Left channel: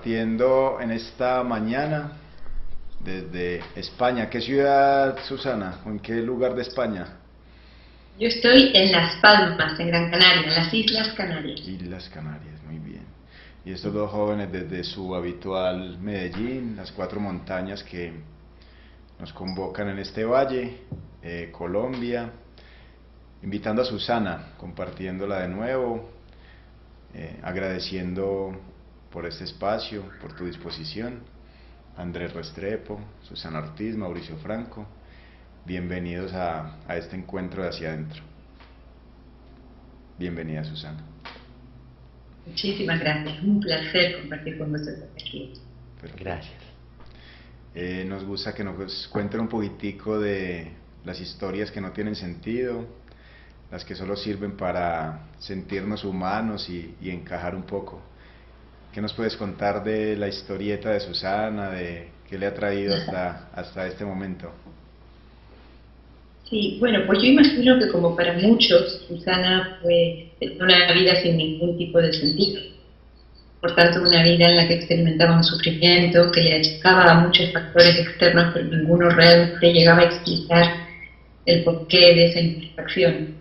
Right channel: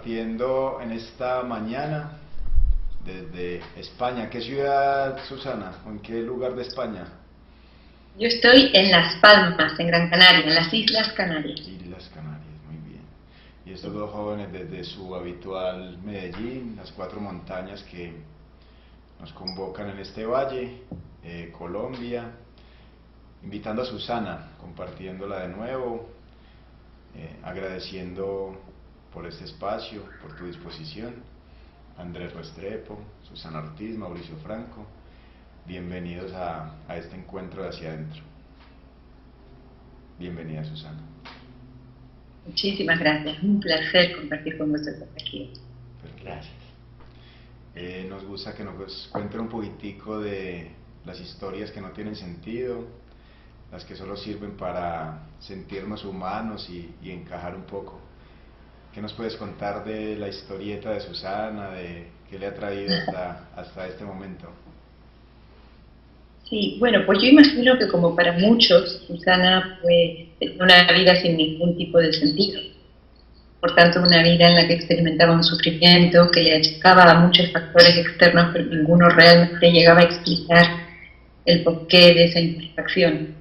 compartiendo en esta mañana desde España. ¿Qué ciudad, Susana? ¿O en qué lugar de España? Yo estoy en Las Palmas, en Gran Canaria, en las Islas Canarias. Islas Canarias, muy bien. Y estos dos jóvenes desde su habitual Medellín, las cuatro montañas que nos convocan en este valle, Colombia, invitando a Susana, compartiéndola de nuevo, agradeciendo por este espacio, por tu disposición. Andrés Restrepo, Susana Ortiz, Mauricio Franco, bienvenidos a este encuentro de Hacia Adentro. Bienvenida, Susana. Muchísimas gracias, un placer compartir con vosotros aquí. Perfecto. Gracias. Nos gusta que nos cuenten un poquitico de las historias que no tienen sentido, las que solo sirven para sentirnos humanos y encajar un poco. ¿Qué nos puedes contar de la historieta de Susana, de qué le ha traído hasta este momento? Sí, bueno, pues yo imagino que como para muchos, Susana fue una vida sin ningún tipo de sentido. Por tanto, una vida en la que experimentaba un sufrimiento que le achacaba a muchos factores externos, pero ninguno realmente llegaba a explicar el porqué de esa insatisfacción.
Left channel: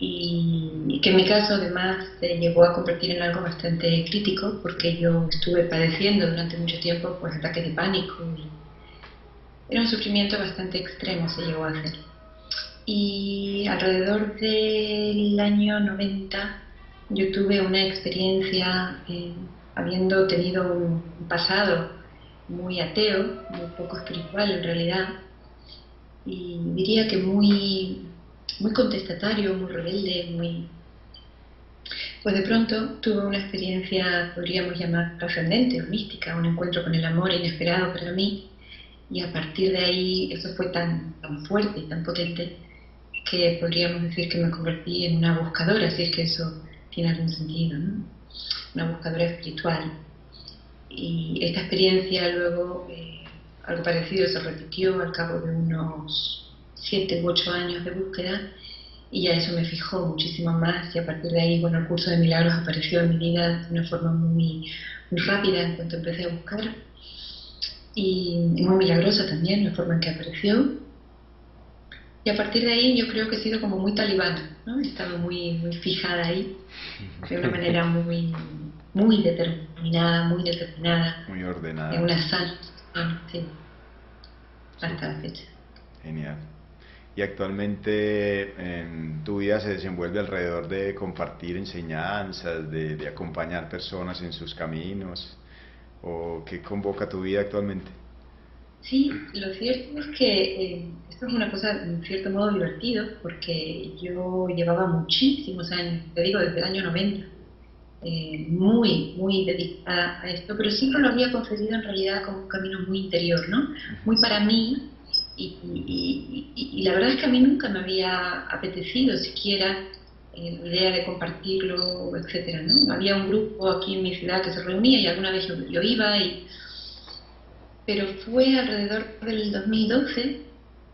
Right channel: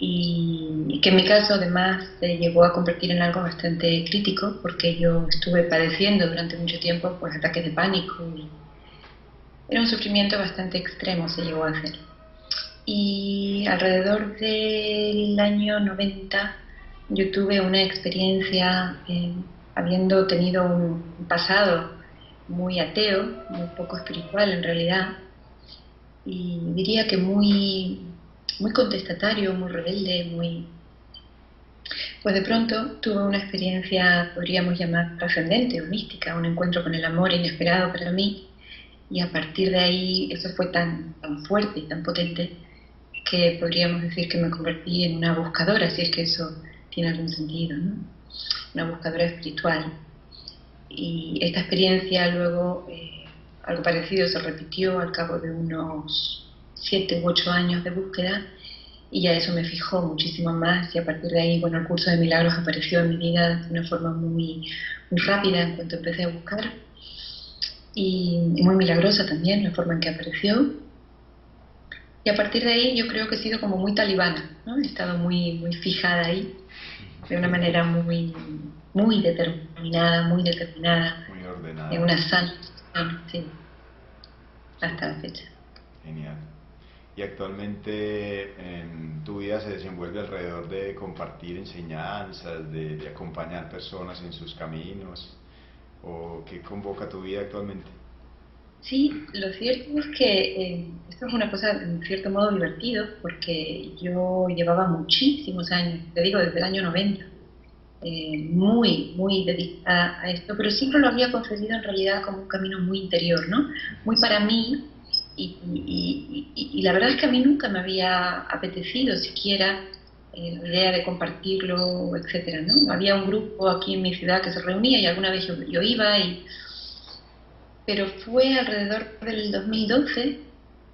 Y que en mi caso además se llegó a convertir en algo bastante crítico, porque yo estuve padeciendo durante mucho tiempo pues ataques de pánico y era un sufrimiento bastante extremo, se llegó a hacer. Y alrededor del año 90 yo tuve una experiencia, habiendo tenido un pasado muy ateo, muy poco espiritual en realidad, y diría que muy contestatario, muy rebelde, pues de pronto tuve una experiencia, podríamos llamar trascendente o mística, un encuentro con el amor inesperado para mí, y a partir de ahí eso fue tan fuerte y tan potente que podríamos decir que me convertí en una buscadora, si es que eso tiene algún sentido, ¿no? Una buscadora espiritual. Y esta experiencia luego, algo parecido se repitió al cabo de unos 7 u 8 años de búsqueda, y ya eso me fijó muchísimo más, y a partir de ahí, bueno, el curso de milagros apareció en mi vida de una forma muy rápida en cuanto empecé a buscar, y muy milagrosa también la forma en que apareció. Y a partir de ahí yo creo que he sido como muy talibana, ¿no? He estado muy fijada ahí, de una manera muy determinada, Muy en ordenada. una sana, sí, hasta la fecha. Genial. Y actualmente en tu vida se desenvuelve alrededor de compartir enseñanzas, de acompañar personas en sus caminos, ¿o qué convoca tu vida actualmente? Sí, lo cierto es que esto es una cosa en cierto modo divertido, porque yo llevaba muchísimos años, te digo desde el año 90, muy dedicada a esto, pero siempre lo había concebido en realidad como un camino muy interior, ¿no? Muy para mí, y la verdad es que a mí nunca me había apetecido siquiera la idea de compartirlo, etcétera, ¿no? Había un grupo aquí en mi ciudad que se reunía y alguna vez yo iba, pero fue alrededor del 2012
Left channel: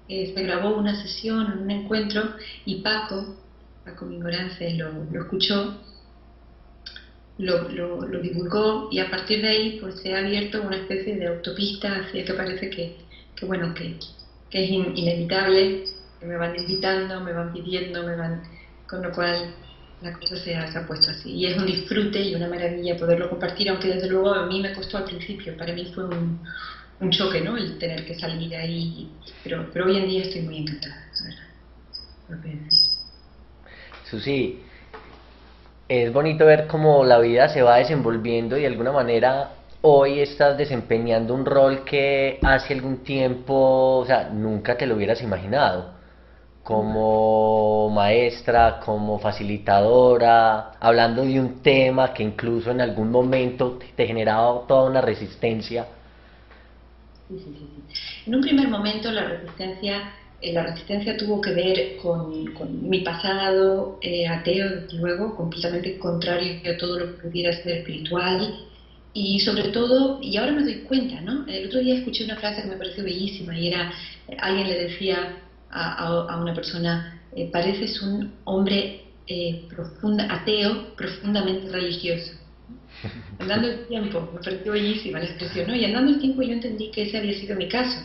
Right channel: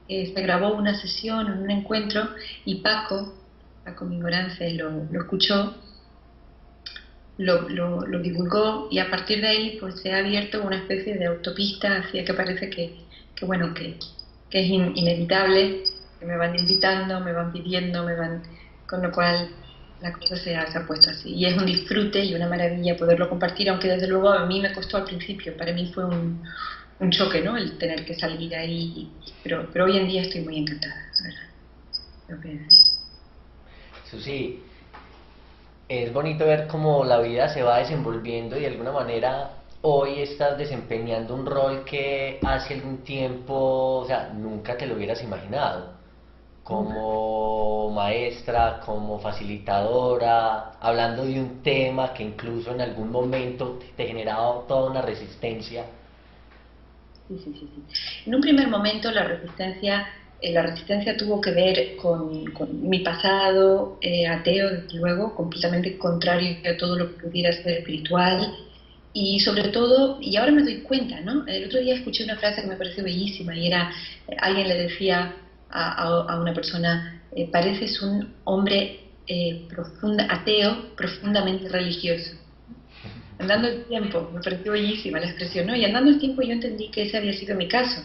que se grabó una sesión, un encuentro, y Paco Mingorance lo escuchó, lo divulgó, y a partir de ahí pues se ha abierto una especie de autopista hacia que parece bueno, que es inevitable, que me van invitando, me van pidiendo, con lo cual la cosa se ha puesto así. Y es un disfrute y una maravilla poderlo compartir, aunque desde luego a mí me costó al principio, para mí fue un choque, ¿no? El tener que salir ahí, pero hoy en día estoy muy encantada, ¿verdad? Lo que decir. Susi, es bonito ver cómo la vida se va desenvolviendo y de alguna manera hoy estás desempeñando un rol que hace algún tiempo, o sea, nunca te lo hubieras imaginado. Como maestra, como facilitadora, hablando de un tema que incluso en algún momento te generaba toda una resistencia. Sí. En un primer momento la resistencia tuvo que ver con mi pasado ateo, desde luego, completamente contrario a todo lo que pudiera ser espiritual, y sobre todo, y ahora me doy cuenta, ¿no? El otro día escuché una frase que me pareció bellísima, y era, alguien le decía a una persona, pareces un hombre ateo profundamente religioso. Andando el tiempo, me pareció bellísima la expresión, ¿no? Y andando el tiempo yo entendí que ese había sido mi caso,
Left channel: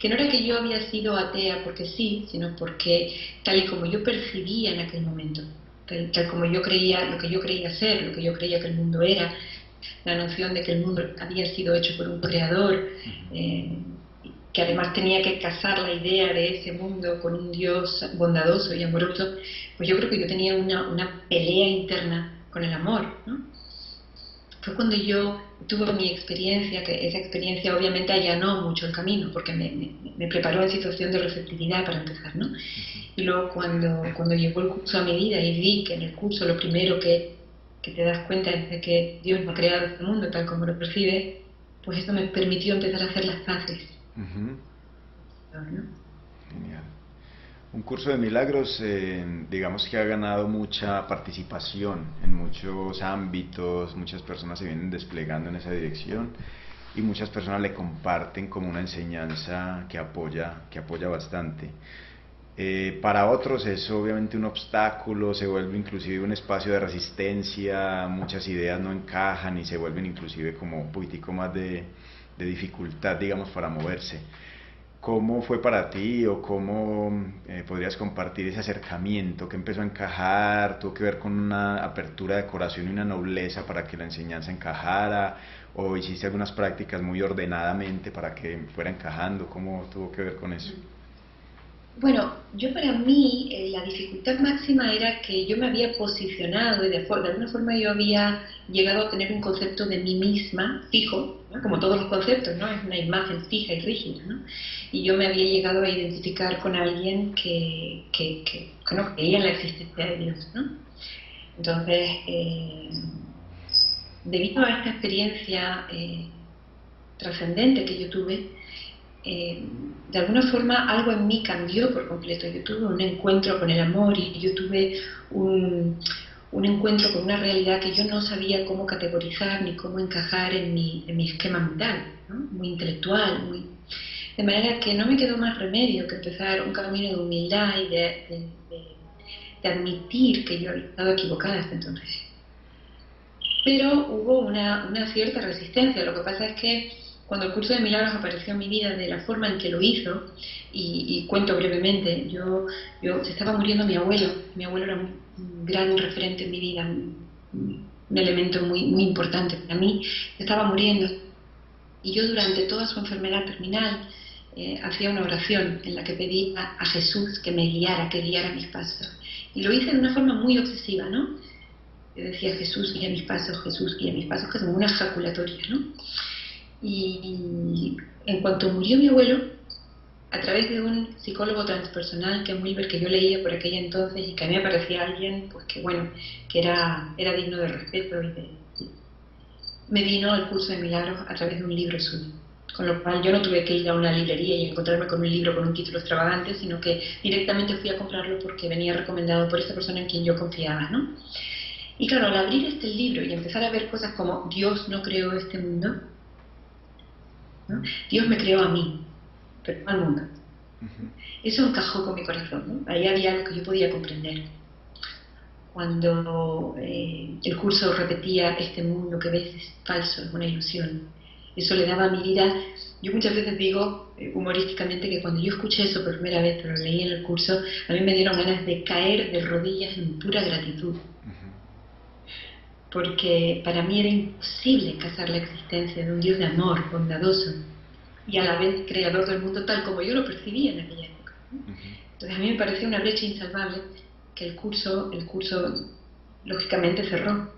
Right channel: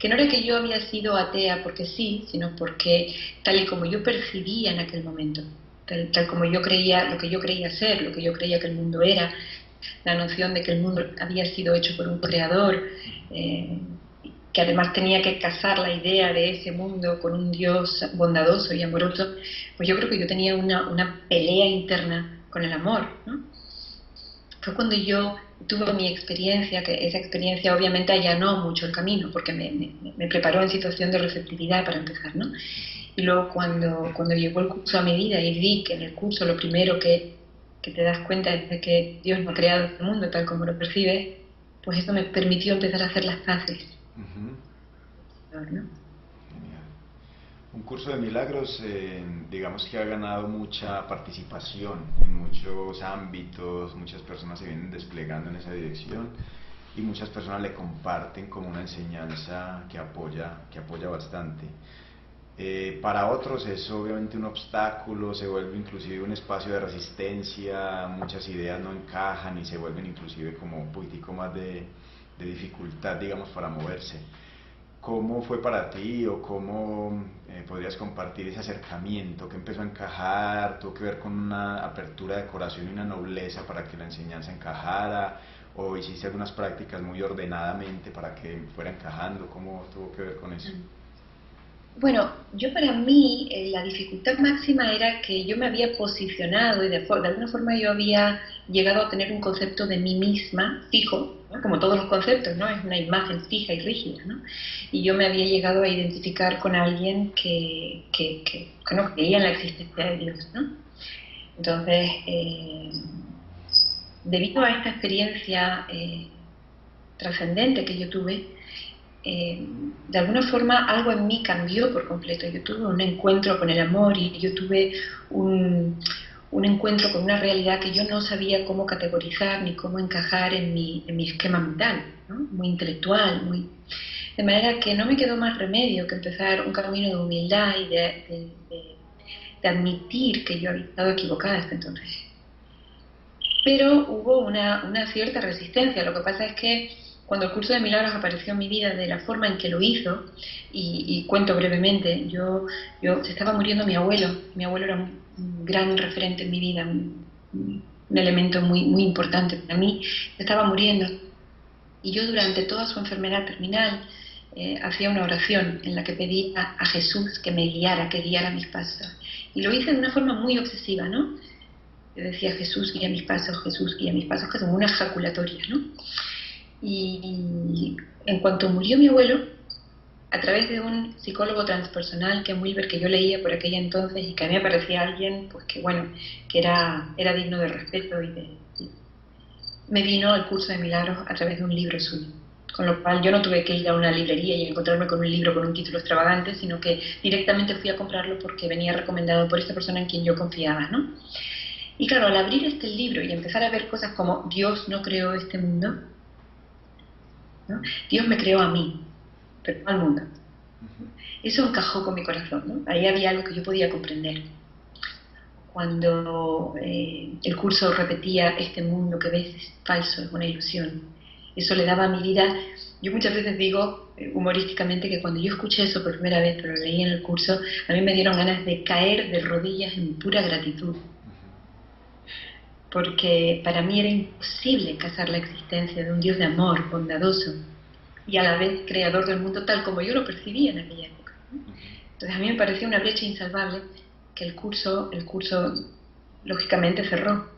que no era que yo había sido atea porque sí, sino porque tal y como yo percibía en aquel momento, tal como yo creía, lo que yo creía ser, lo que yo creía que el mundo era, la noción de que el mundo había sido hecho por un creador, que además tenía que casar la idea de ese mundo con un Dios bondadoso y amoroso, pues yo creo que yo tenía una pelea interna con el amor, ¿no? Fue cuando yo tuve mi experiencia, que esa experiencia obviamente allanó mucho el camino, porque me preparó en situación de receptividad para empezar, ¿no? Y luego cuando llegó el curso a mi vida y vi que en el curso lo primero que te das cuenta es de que Dios no ha creado este mundo tal como lo percibe, pues eso me permitió empezar a hacer las paces. Ujú. ¿No? Genial. Un curso de milagros, digamos que ha ganado mucha participación en muchos ámbitos, muchas personas se vienen desplegando en esa dirección y muchas personas le comparten como una enseñanza que apoya bastante. Para otros es obviamente un obstáculo, se vuelve inclusive un espacio de resistencia, muchas ideas no encajan y se vuelven inclusive como un poquitico más de dificultad, digamos, para moverse. ¿Cómo fue para ti o cómo podrías compartir ese acercamiento que empezó a encajar? ¿Tuvo que ver con una apertura de corazón y una nobleza para que la enseñanza encajara? ¿O hiciste algunas prácticas muy ordenadamente para que fuera encajando? ¿Cómo tuvo que ver con eso? Bueno, yo para mí la dificultad máxima era que yo me había posicionado y de alguna forma yo había llegado a tener un concepto de mí misma fijo, ¿no? Como todos los conceptos, ¿no? Es una imagen fija y rígida, ¿no? Y yo me había llegado a identificar con alguien que no creía en la existencia de Dios, ¿no? Entonces, debido a esta experiencia trascendente que yo tuve, de alguna forma algo en mí cambió por completo. Yo tuve un encuentro con el amor y yo tuve un encuentro con una realidad que yo no sabía cómo categorizar ni cómo encajar en mi esquema mental, ¿no? Muy intelectual, de manera que no me quedó más remedio que empezar un camino de humildad y de admitir que yo había estado equivocada hasta entonces. Pero hubo una cierta resistencia. Lo que pasa es que cuando el curso de milagros apareció en mi vida de la forma en que lo hizo, y cuento brevemente, se estaba muriendo mi abuelo era un gran referente en mi vida, un elemento muy importante para mí, se estaba muriendo, y yo durante toda su enfermedad terminal hacía una oración en la que pedía a Jesús que me guiara, que guiara mis pasos, y lo hice de una forma muy obsesiva, ¿no? Yo decía, Jesús guía mis pasos, que es como una ejaculatoria, ¿no? Y en cuanto murió mi abuelo, a través de un psicólogo transpersonal, Ken Wilber, que yo leía por aquella entonces y que a mí me parecía alguien, pues que bueno, que era digno de respeto me vino el curso de milagros a través de un libro suyo. Con lo cual yo no tuve que ir a una librería y encontrarme con un libro con un título extravagante, sino que directamente fui a comprarlo porque venía recomendado por esta persona en quien yo confiaba, ¿no? Y claro, al abrir este libro y empezar a ver cosas como Dios no creó este mundo, ¿no? Dios me creó a mí, pero no al mundo. Eso encajó con mi corazón, ¿no? Ahí había algo que yo podía comprender. Cuando el curso repetía este mundo que ves es falso, es una ilusión, eso le daba a mi vida. Yo muchas veces digo humorísticamente que cuando yo escuché eso por primera vez, pero lo leí en el curso, a mí me dieron ganas de caer de rodillas en pura gratitud. Porque para mí era imposible casar la existencia de un Dios de amor, bondadoso, y a la vez creador del mundo tal como yo lo percibía en aquella época. Entonces a mí me parecía una brecha insalvable que el curso lógicamente cerró.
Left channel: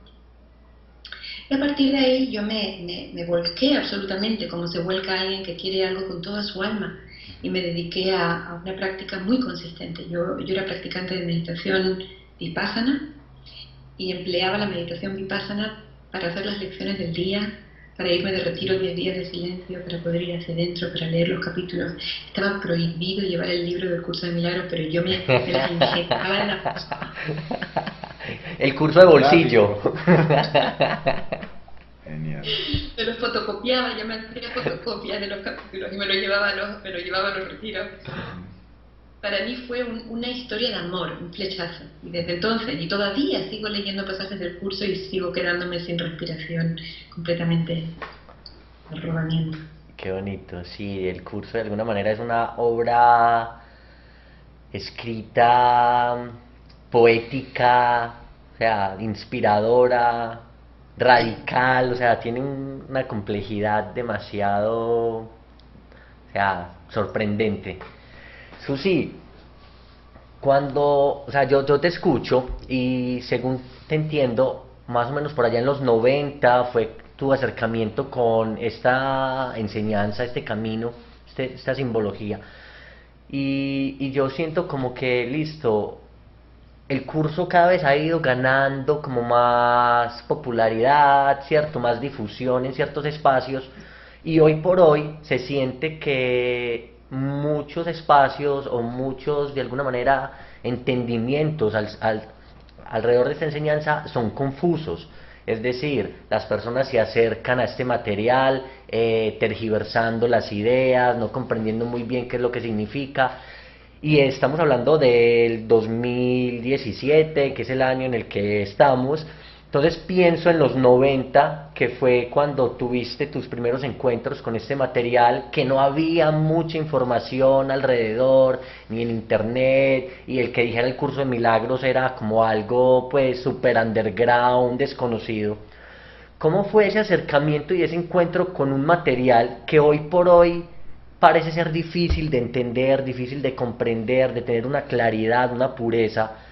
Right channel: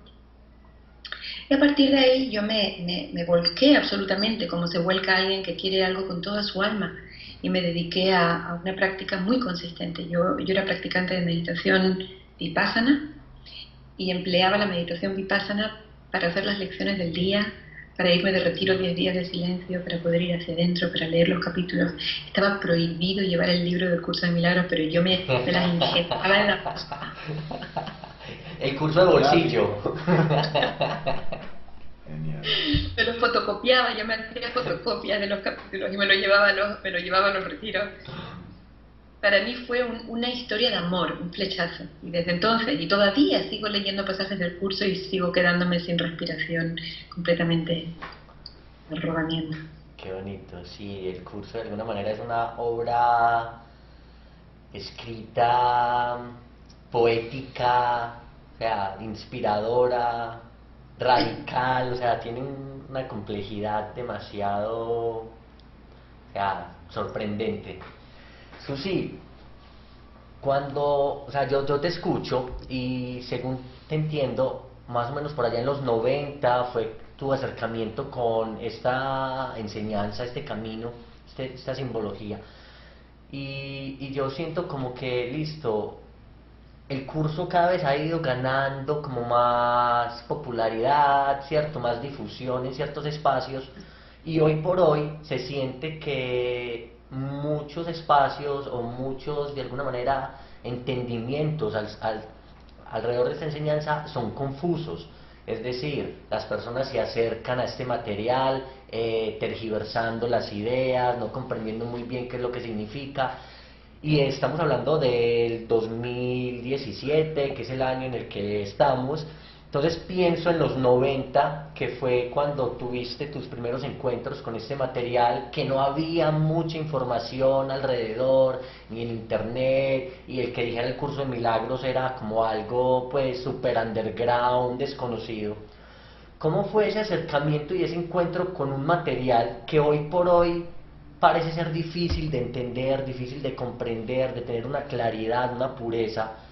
Y a partir de ahí yo me volqué absolutamente, como se vuelca alguien que quiere algo con toda su alma, y me dediqué a una práctica muy consistente. Yo era practicante de meditación vipassana, y empleaba la meditación vipassana para hacer las lecciones del día, para irme de retiro 10 días de silencio, para poder ir hacia adentro, para leer los capítulos. Estaba prohibido llevar el libro del curso de milagros, pero yo me las ingeniaba en la... El curso de bolsillo. Genial. Me lo fotocopiaba, yo me hacía fotocopias de los capítulos y me lo llevaba a los retiros. para mí fue una historia de amor, un flechazo. Y desde entonces, y todavía sigo leyendo pasajes del curso y sigo quedándome sin respiración, completamente al rodamiento. Qué bonito, sí, el curso de alguna manera es una obra escrita, poética, o sea, inspiradora, radical, o sea, tiene una complejidad demasiado, o sea, sorprendente. Susi, o sea, yo te escucho y según te entiendo, más o menos por allá en los 90 fue tu acercamiento con esta enseñanza, este camino, esta simbología. Y yo siento como que, listo, el curso cada vez ha ido ganando como más popularidad, ¿cierto? Más difusión en ciertos espacios. Y hoy por hoy se siente que muchos espacios o muchos, de alguna manera, entendimientos alrededor de esta enseñanza son confusos. Es decir, las personas se acercan a este material tergiversando las ideas, no comprendiendo muy bien qué es lo que significa. Y estamos hablando del 2017, que es el año en el que estamos. Entonces pienso en los 90, que fue cuando tuviste tus primeros encuentros con este material, que no había mucha información alrededor, ni en internet, y el que dijera el curso de milagros era como algo pues super underground, desconocido. ¿Cómo fue ese acercamiento y ese encuentro con un material que hoy por hoy parece ser difícil de entender, difícil de comprender, de tener una claridad, una pureza,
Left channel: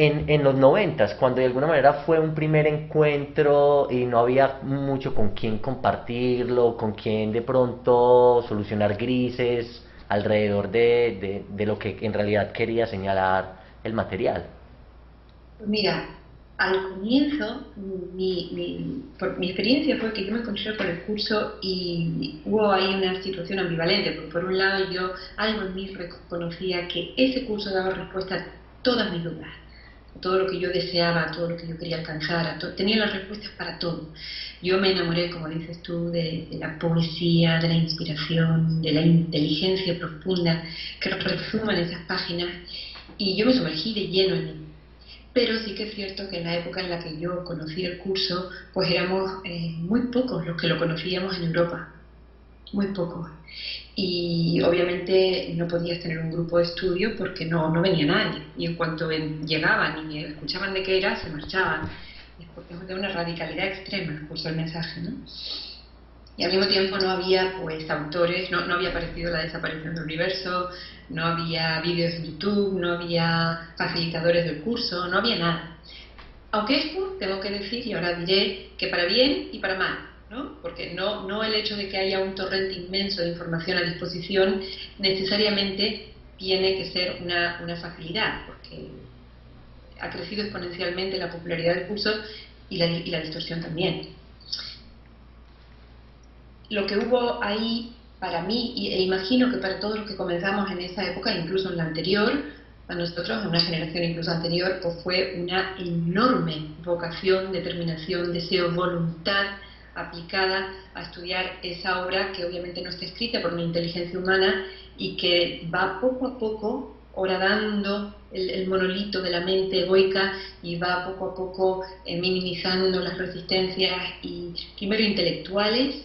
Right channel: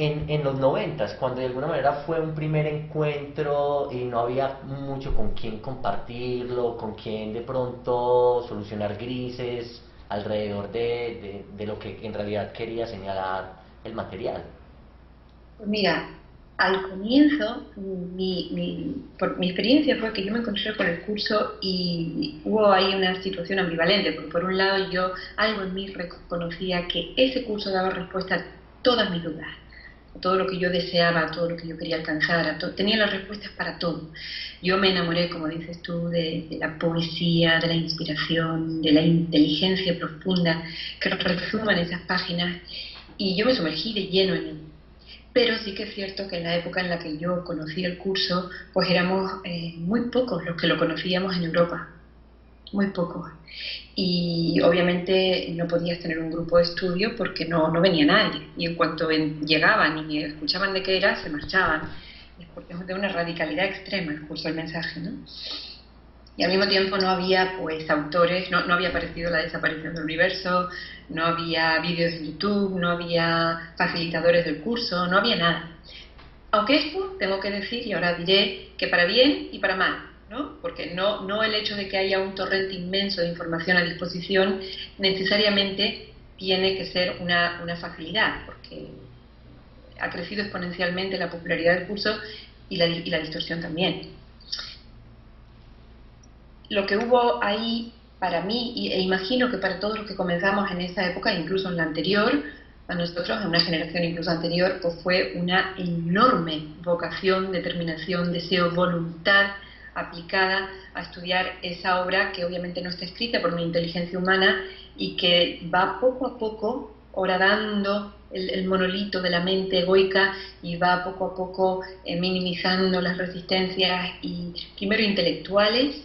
en los 90, cuando de alguna manera fue un primer encuentro y no había mucho con quién compartirlo, con quién de pronto solucionar grises alrededor de lo que en realidad quería señalar el material? Pues mira, al comienzo, por mi experiencia fue que yo me encontré con el curso y hubo ahí una situación ambivalente, porque por un lado yo algo en mí reconocía que ese curso daba respuesta a todas mis dudas, a todo lo que yo deseaba, a todo lo que yo quería alcanzar, tenía las respuestas para todo. Yo me enamoré, como dices tú, de la poesía, de la inspiración, de la inteligencia profunda que resuma en esas páginas, y yo me sumergí de lleno en él. Pero sí que es cierto que en la época en la que yo conocí el curso, pues éramos muy pocos los que lo conocíamos en Europa, muy pocos. Y obviamente no podías tener un grupo de estudio porque no venía nadie. Y en cuanto llegaban y escuchaban de qué era, se marchaban. Es de una radicalidad extrema el curso del mensaje, ¿no? Y al mismo tiempo no había pues autores, no había aparecido la desaparición del universo, no había vídeos en YouTube, no había facilitadores del curso, no había nada. Aunque esto tengo que decir, y ahora diré, que para bien y para mal, ¿no? Porque no el hecho de que haya un torrente inmenso de información a disposición necesariamente tiene que ser una facilidad, porque ha crecido exponencialmente la popularidad del curso y la distorsión también. Lo que hubo ahí para mí, e imagino que para todos los que comenzamos en esa época, incluso en la anterior, a nosotros, en una generación incluso anterior, pues fue una enorme vocación, determinación, deseo, voluntad aplicada a estudiar esa obra que obviamente no está escrita por una inteligencia humana y que va poco a poco horadando el monolito de la mente egoica y va poco a poco minimizando las resistencias, y primero intelectuales,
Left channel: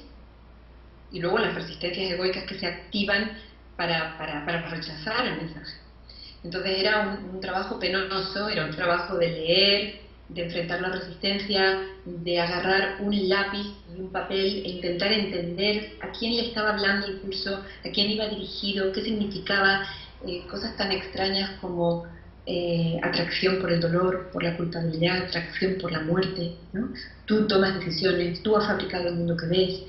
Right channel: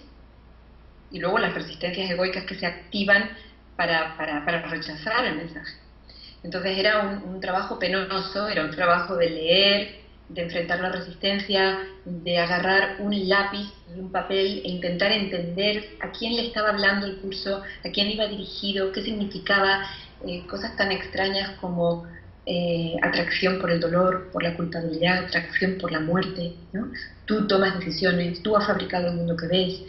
y luego las resistencias egoicas que se activan para rechazar el mensaje. Entonces era un trabajo penoso, era un trabajo de leer, de enfrentar la resistencia, de agarrar un lápiz y un papel e intentar entender a quién le estaba hablando el curso, a quién iba dirigido, qué significaba, cosas tan extrañas como atracción por el dolor, por la culpabilidad, atracción por la muerte, ¿no? Tú tomas decisiones, tú has fabricado el mundo que ves.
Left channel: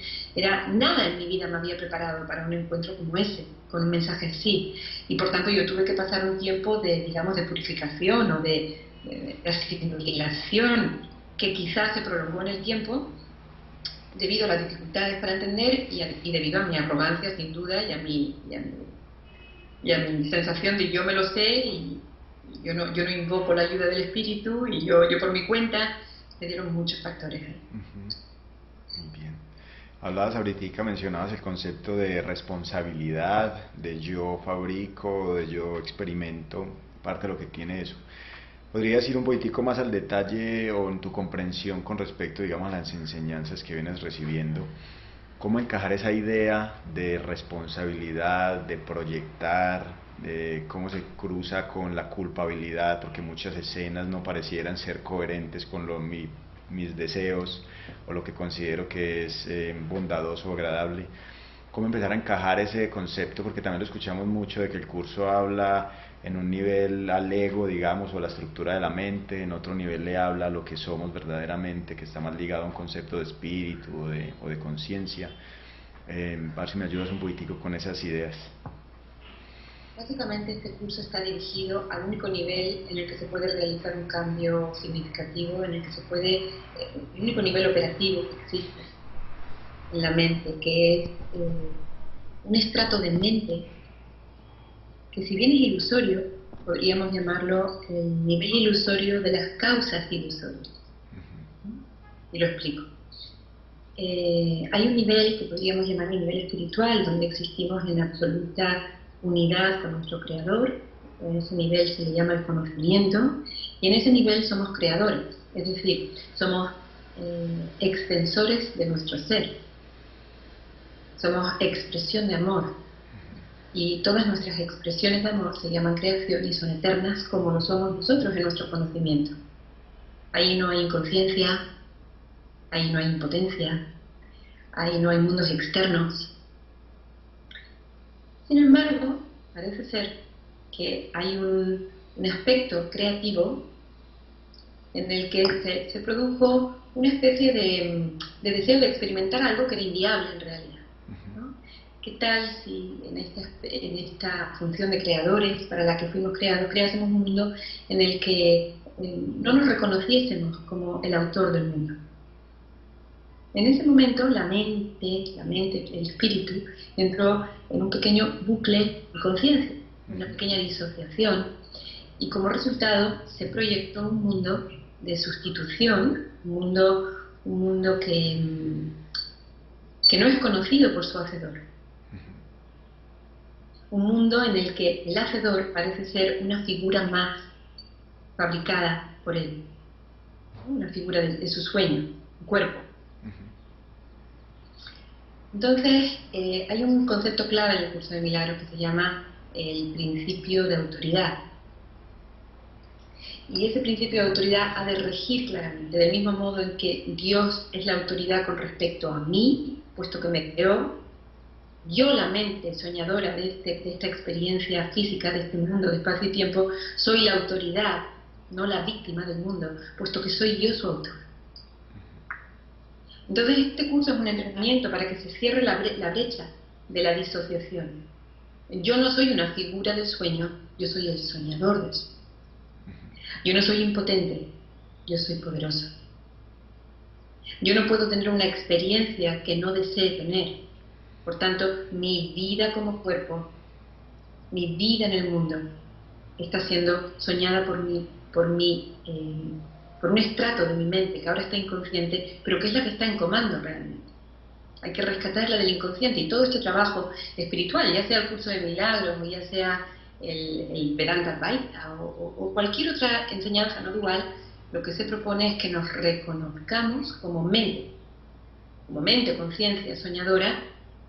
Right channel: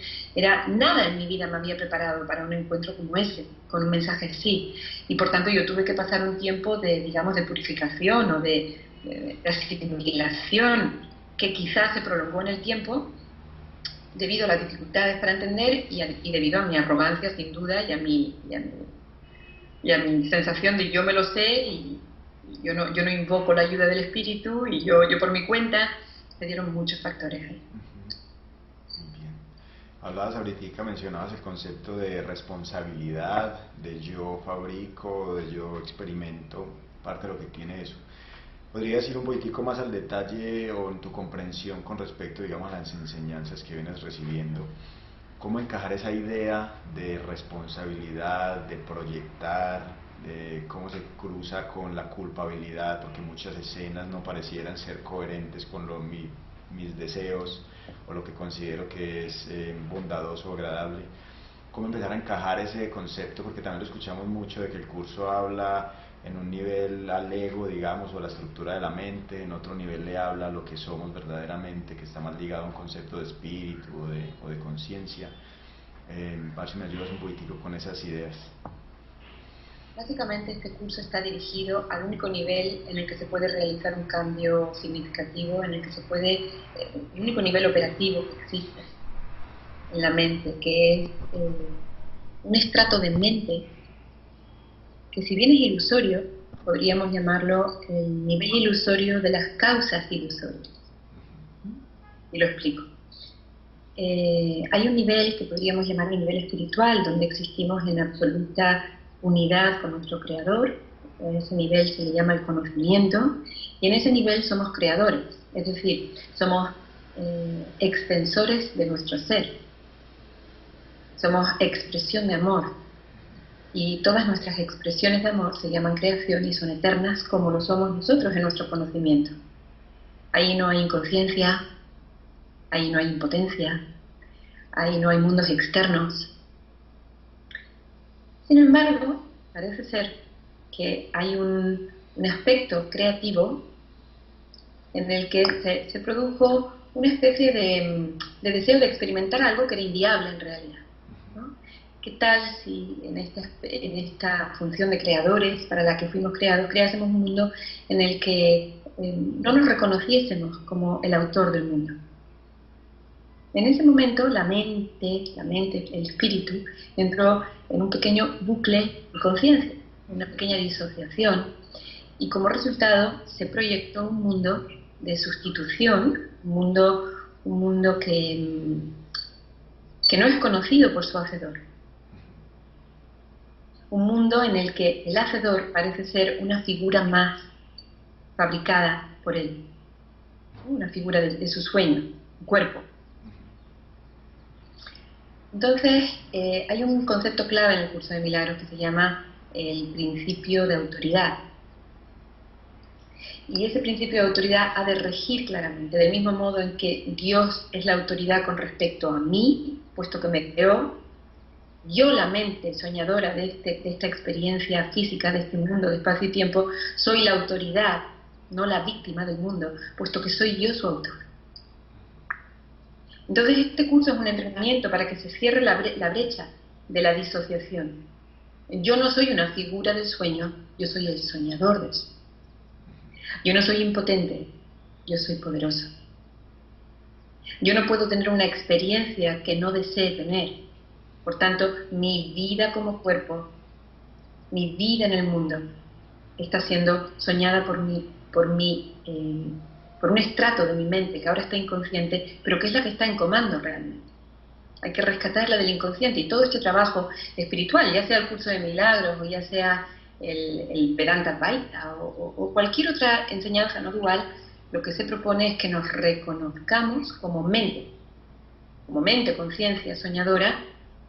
Nada en mi vida me había preparado para un encuentro como ese, con un mensaje así. Y por tanto yo tuve que pasar un tiempo digamos, de purificación o de asimilación, que quizás se prolongó en el tiempo debido a las dificultades para entender y debido a mi arrogancia, sin duda, y a mi sensación de yo me lo sé y yo no invoco la ayuda del espíritu, y yo por mi cuenta. Me dieron muchos factores ahí. Muy bien. Hablabas ahorita, mencionabas el concepto de responsabilidad, de yo fabrico, de yo experimento, parte de lo que tiene eso. ¿Podrías ir un poquitico más al detalle o en tu comprensión con respecto, digamos, a las enseñanzas que vienes recibiendo? ¿Cómo encajar esa idea de responsabilidad, de proyectar, de cómo se cruza con la culpabilidad? Porque muchas escenas no parecieran ser coherentes con mis deseos o lo que considero que es bondadoso o agradable. ¿Cómo empezar a encajar ese concepto? Porque también lo escuchamos mucho de que el curso habla en un nivel al ego, digamos, o a la estructura de la mente, en otro nivel le habla a lo que somos verdaderamente, que está más ligado a un concepto de espíritu o de conciencia. A ver si me ayudas un poquitico con esas ideas. Básicamente este curso está dirigido al único nivel en el que se puede realizar un cambio significativo, en el que se puede, el único nivel operativo que existe en la mente, que es un estrato de mente que, si bien es ilusorio, podríamos llamarlo el nivel ilusorio de las causas ilusorias. Y lo explico. Hay un nivel que podríamos llamar un nivel espiritual, donde existimos en absoluta unidad con nuestro Creador. En ese nivel se le llama el conocimiento, y en ese nivel somos creadores, es decir, somos extensores de nuestro ser, somos expresión de amor, y todas nuestras expresiones de amor se llaman creación y son eternas, como lo somos nosotros en nuestro conocimiento. Ahí no hay inconsciencia, ahí no hay impotencia, ahí no hay mundos externos. Sin embargo, parece ser que hay un aspecto creativo en el que se produjo una especie de deseo de experimentar algo que era inviable en realidad, ¿no? ¿Qué tal si en esta función de creadores para la que fuimos creados, creásemos un mundo en el que no nos reconociésemos como el autor del mundo? En ese momento la mente, el espíritu, entró en un pequeño bucle de conciencia, una pequeña disociación, y como resultado se proyectó un mundo de sustitución, un mundo que no es conocido por su hacedor. Un mundo en el que el hacedor parece ser una figura más fabricada por él, una figura de su sueño, un cuerpo. Entonces, hay un concepto clave en el curso de milagros que se llama el principio de autoridad. Y ese principio de autoridad ha de regir claramente, del mismo modo en que Dios es la autoridad con respecto a mí, puesto que me creó. Yo, la mente soñadora de esta experiencia física, de este mundo de espacio y tiempo, soy la autoridad, no la víctima del mundo, puesto que soy yo su autor. Entonces este curso es un entrenamiento para que se cierre la brecha de la disociación. Yo no soy una figura de sueño, yo soy el soñador del sueño. Yo no soy impotente, yo soy poderoso. Yo no puedo tener una experiencia que no desee tener. Por tanto, mi vida como cuerpo, mi vida en el mundo, está siendo soñada por un estrato de mi mente que ahora está inconsciente, pero que es la que está en comando realmente. Hay que rescatarla del inconsciente, y todo este trabajo espiritual, ya sea el curso de milagros, o ya sea el Vedanta Vaita, o cualquier otra enseñanza no dual, lo que se propone es que nos reconozcamos como mente, conciencia soñadora,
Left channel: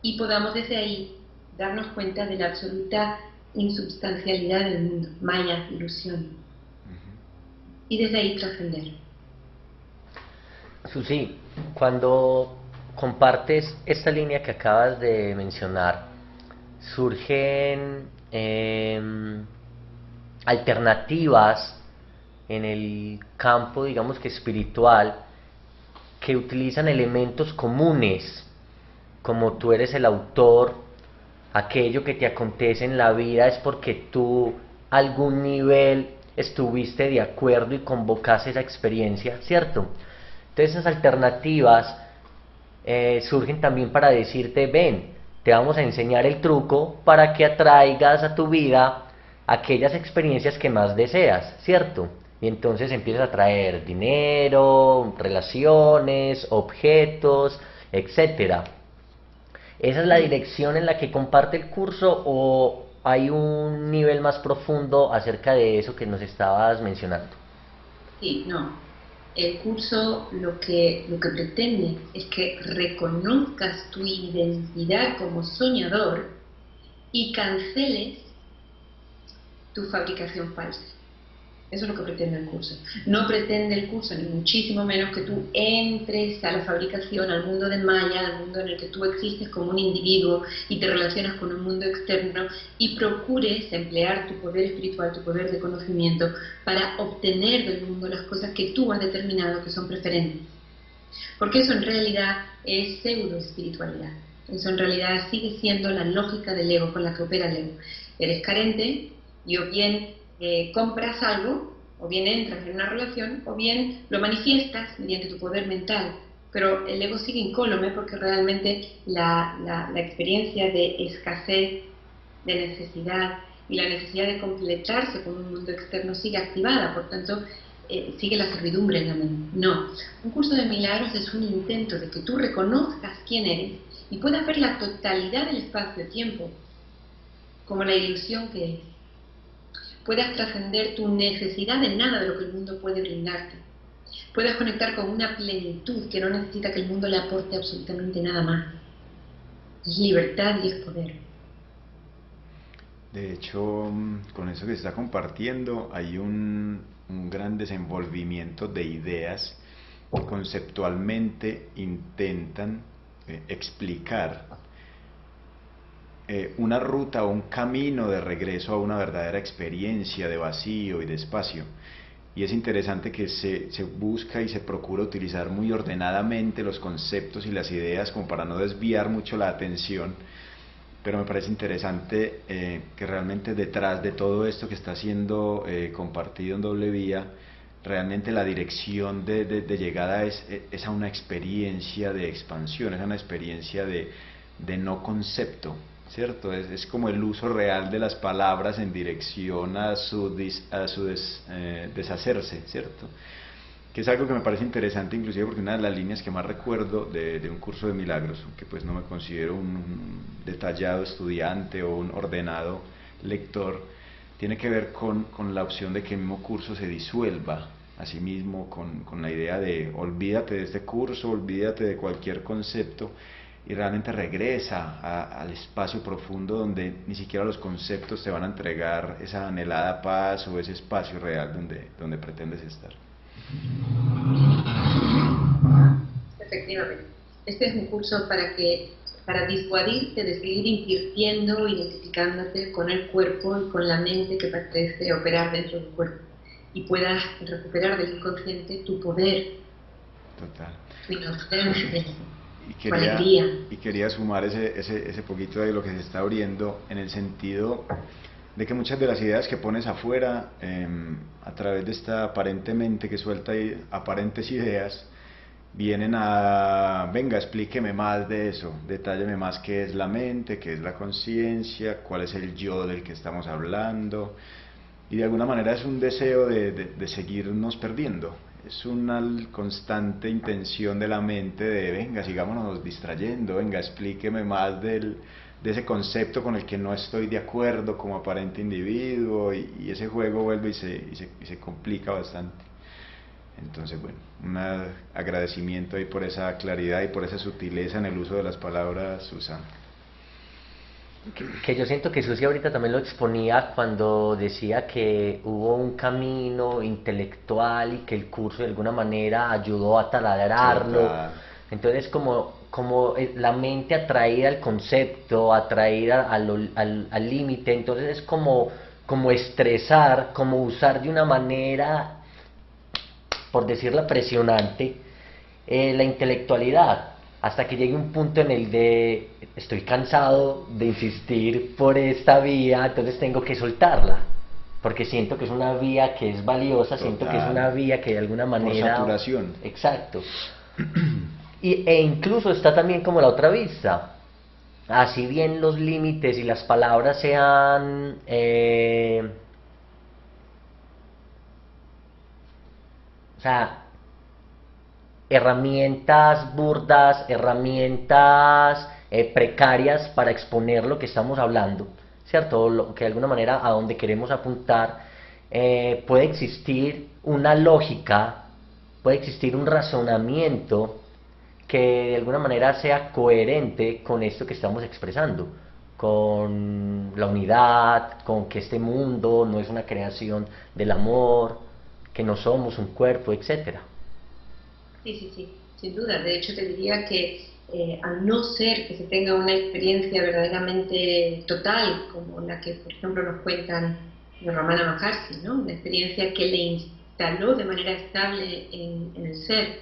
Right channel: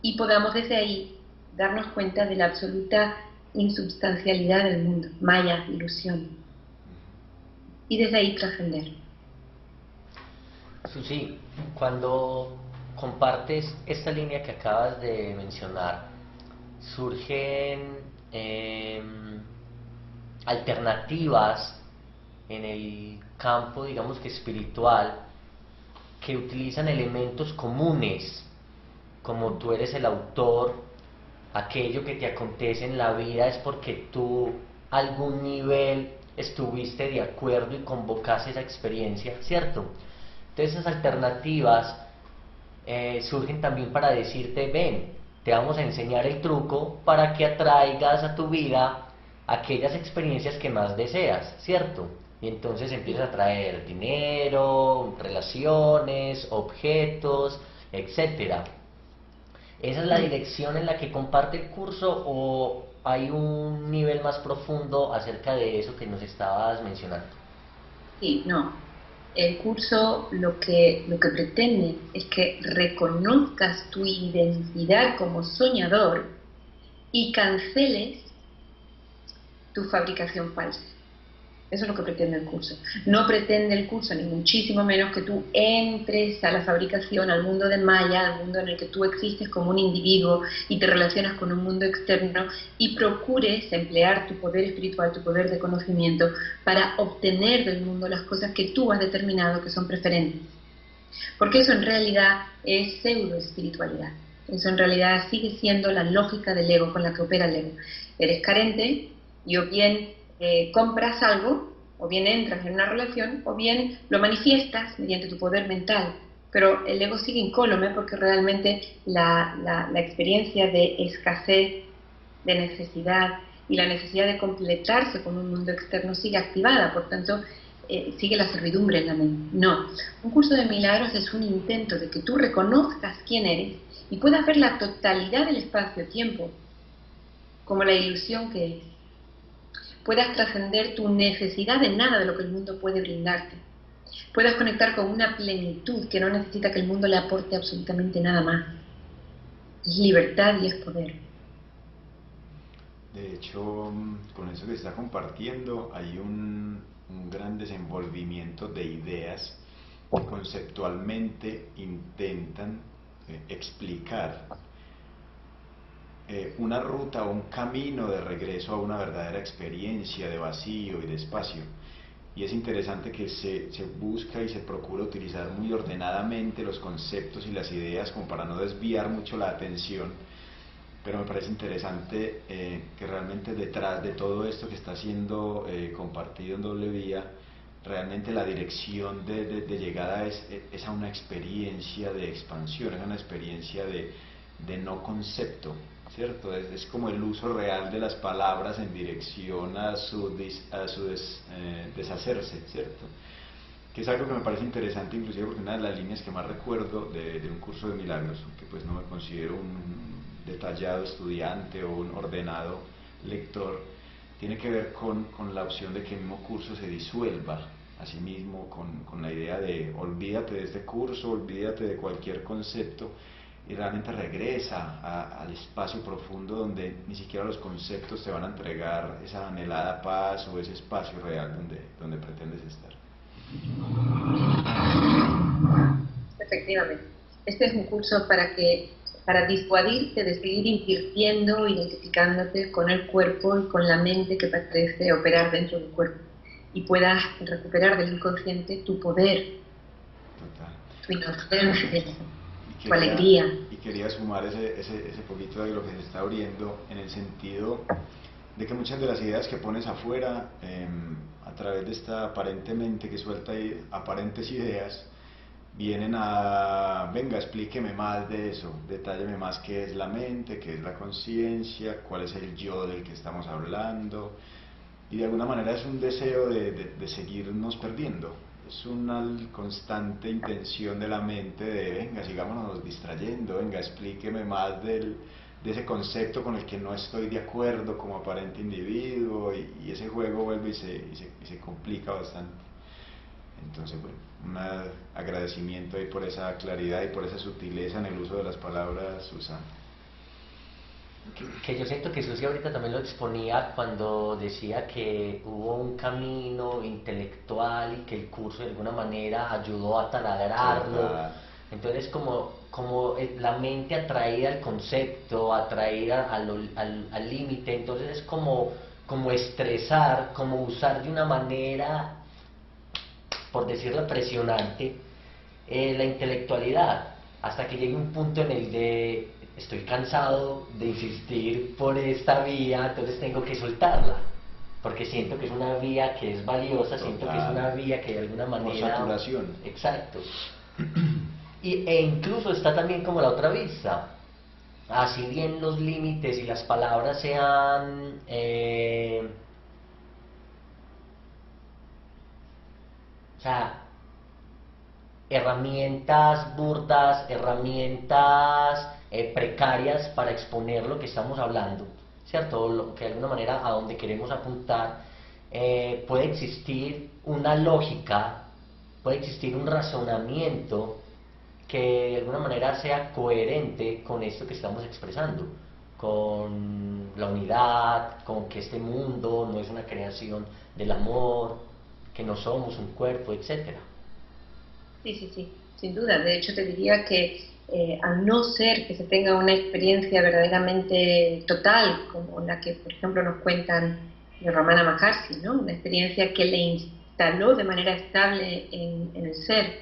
y podamos desde ahí darnos cuenta de la absoluta insubstancialidad del mundo, maya, ilusión, y desde ahí trascender. Susi, cuando compartes esta línea que acabas de mencionar, surgen alternativas en el campo, digamos que espiritual, que utilizan elementos comunes, como tú eres el autor, aquello que te acontece en la vida es porque tú a algún nivel estuviste de acuerdo y convocaste esa experiencia, ¿cierto? Entonces esas alternativas surgen también para decirte, ven, te vamos a enseñar el truco para que atraigas a tu vida aquellas experiencias que más deseas, ¿cierto? Y entonces empiezas a traer dinero, relaciones, objetos, etcétera. ¿Esa es la dirección en la que comparte el curso o hay un nivel más profundo acerca de eso que nos estabas mencionando? Sí, no. El curso lo que pretende es que reconozcas tu identidad como soñador y canceles tu fabricación falsa. Eso es lo que pretende el curso. No pretende el curso, ni muchísimo menos, que tú entres a la fabricación, al mundo de Maya, al mundo en el que tú existes como un individuo y te relacionas con un mundo externo y procures emplear tu poder espiritual, tu poder de conocimiento para obtener del mundo las cosas que tú has determinado que son preferentes. Porque eso en realidad es pseudo-espiritualidad. Eso en realidad sigue siendo la lógica del ego con la que opera el ego. Eres carente y o bien compras algo, o bien entras en una relación, o bien lo manifiestas mediante tu poder mental. Pero el ego sigue incólume porque realmente la experiencia de escasez, de necesidad y la necesidad de completarse con un mundo externo sigue activada. Por tanto, sigue la servidumbre en la mente. No, un curso de milagros es un intento de que tú reconozcas quién eres y puedas ver la totalidad del espacio-tiempo como la ilusión que es. Puedas trascender tu necesidad de nada de lo que el mundo puede brindarte. Puedas conectar con una plenitud que no necesita que el mundo le aporte absolutamente nada más. Es libertad y es poder. De hecho, con eso que se está compartiendo, hay un gran desenvolvimiento de ideas que conceptualmente intentan explicar una ruta o un camino de regreso a una verdadera experiencia de vacío y de espacio. Y es interesante que se busca y se procura utilizar muy ordenadamente los conceptos y las ideas como para no desviar mucho la atención, pero me parece interesante que realmente detrás de todo esto que está siendo compartido en doble vía, realmente la dirección de llegada es a una experiencia de expansión, es a una experiencia de no concepto, ¿cierto? Es como el uso real de las palabras en dirección a su deshacerse, ¿cierto? Que es algo que me parece interesante, inclusive porque una de las líneas que más recuerdo de un curso de milagros, aunque pues no me considero un detallado estudiante o un ordenado lector, tiene que ver con la opción de que el mismo curso se disuelva a sí mismo, con la idea de olvídate de este curso, olvídate de cualquier concepto y realmente regresa al espacio profundo donde ni siquiera los conceptos te van a entregar esa anhelada paz o ese espacio real donde pretendes estar. Efectivamente. Este es un curso para disuadirte de seguir invirtiendo, identificándote con el cuerpo y con la mente que parece operar dentro del cuerpo. Y puedas recuperar del inconsciente tu poder, Total. tu inocencia, tu Quería, alegría. y quería sumar ese poquito de lo que se está abriendo en el sentido de que muchas de las ideas que pones afuera, a través de esta aparentemente que suelta aparentes ideas, vienen a, venga, explíqueme más de eso, detálleme más qué es la mente, qué es la conciencia, cuál es el yo del que estamos hablando, y de alguna manera es un deseo de seguirnos perdiendo. Es una constante intención de la mente de, venga, sigámonos distrayendo, venga, explíqueme más de ese concepto con el que no estoy de acuerdo como aparente individuo, y ese juego vuelve y se complica bastante. Entonces, bueno, un agradecimiento ahí por esa claridad y por esa sutileza en el uso de las palabras, Susana. Que yo siento que Susi ahorita también lo exponía cuando decía que hubo un camino intelectual y que el curso de alguna manera ayudó a taladrarlo. Total. Entonces como la mente atraída al concepto, atraída al límite, entonces es como estresar, como usar de una manera, por decirlo presionante, la intelectualidad, hasta que llegue un punto en el de estoy cansado de insistir por esta vía, entonces tengo que soltarla, porque siento que es una vía que es valiosa, Total. siento que es una vía que de alguna manera... Por saturación. Exacto. E incluso está también como la otra vista. Así bien los límites y las palabras sean... o sea, herramientas burdas, herramientas precarias para exponer lo que estamos hablando, ¿cierto? Lo que de alguna manera a donde queremos apuntar, puede existir una lógica, puede existir un razonamiento que de alguna manera sea coherente con esto que estamos expresando, con la unidad, con que este mundo no es una creación del amor, que no somos un cuerpo, etcétera. Sí, sí, sí, sin duda. De hecho, te diría que al no ser que se tenga una experiencia verdaderamente total, como la que, por ejemplo, nos cuentan de Ramana Maharshi, ¿no? Una experiencia que le instaló de manera estable en el ser,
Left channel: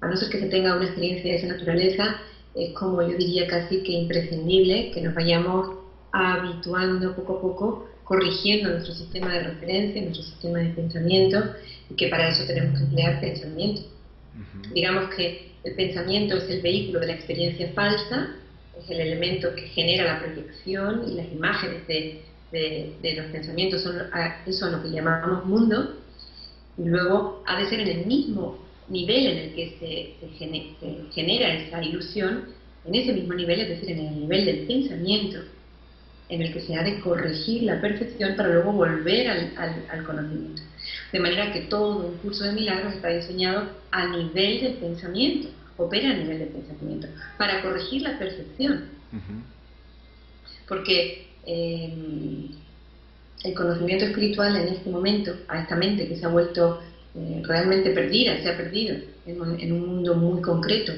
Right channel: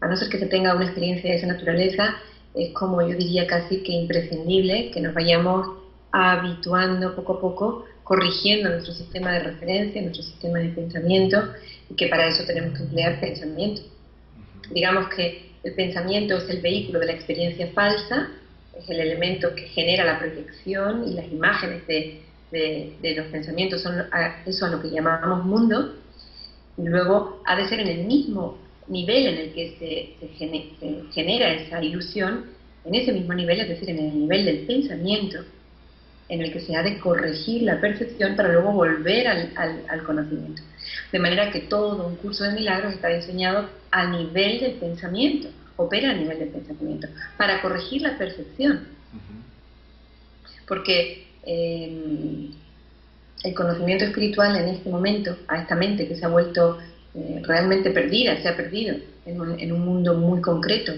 a no ser que se tenga una experiencia de esa naturaleza, es como yo diría casi que imprescindible que nos vayamos habituando poco a poco, corrigiendo nuestro sistema de referencia, nuestro sistema de pensamiento, y que para eso tenemos que emplear pensamiento. Digamos que el pensamiento es el vehículo de la experiencia falsa, es el elemento que genera la proyección y las imágenes de los pensamientos son eso a lo que llamamos mundo, y luego ha de ser en el mismo nivel en el que se genera esa ilusión, en ese mismo nivel, es decir, en el nivel del pensamiento, en el que se ha de corregir la percepción para luego volver al conocimiento. De manera que todo un curso de milagros está diseñado a nivel del pensamiento, opera a nivel del pensamiento, para corregir la percepción. Porque el conocimiento espiritual en este momento, a esta mente que se ha vuelto realmente perdida, se ha perdido en un mundo muy concreto,